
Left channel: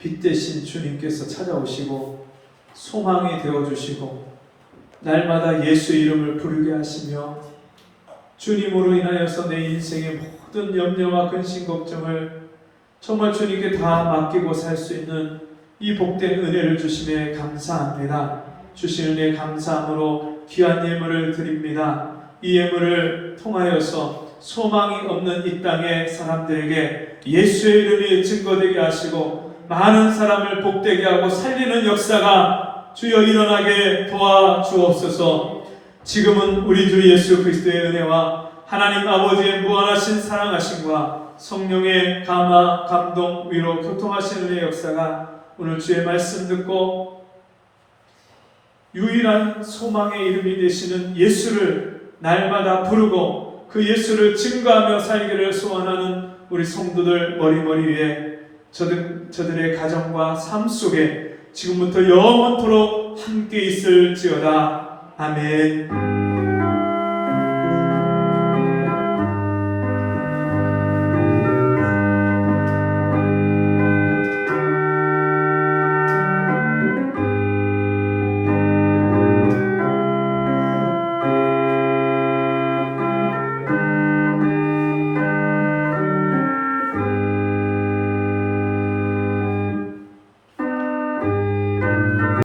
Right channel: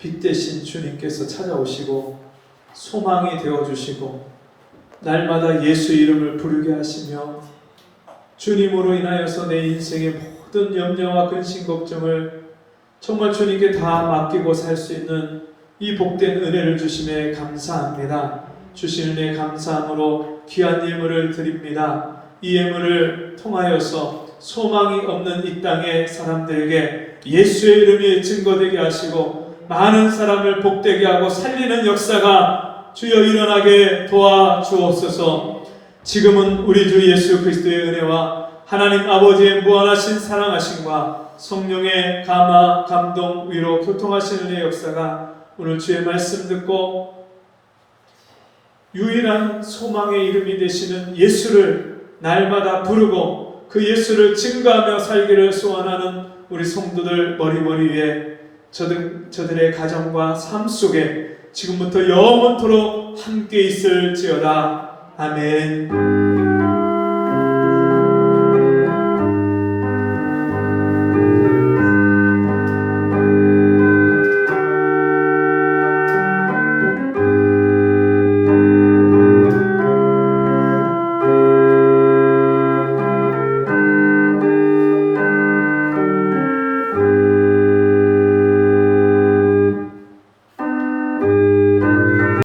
빛 대신 주님께서 찾아오시고 소망이 되어주시고 날마다 예수 이름을 부르게 하시며 주님으로 인하여서 내 인생의 모든 염려와 근심 걱정을 정말 주님께 다 맡기고 살 수 있는 이 복된 은혜를 주심에 감사합니다. 주신 은혜 감사함으로 귀한 예물을 드립니다. 이 예물을 통하여서 소망이 없는 이 땅의 사람들에게 예수의 이름이 증거되게 하시고 많은 사람을 복되게 하고 살리는 역사가 주여 일어나게 도와주옵소서. 지금은 우리 주 예수 그리스도의 은혜와 하나님 아버지의 무한하신 사랑하심과 성령의 감화, 감동, 위로, 교통하신 은혜의 역사가 오늘 주의 말씀 듣고 유일한 소망의 이름이 되시는 예수를 날마다 부르고 그 예수를 증거하며 살기를 소원하는 우리 성도들 머리 위에 저들의 가정과 삶 속에 지금부터 영원토록 함께 있을지어다. 아멘.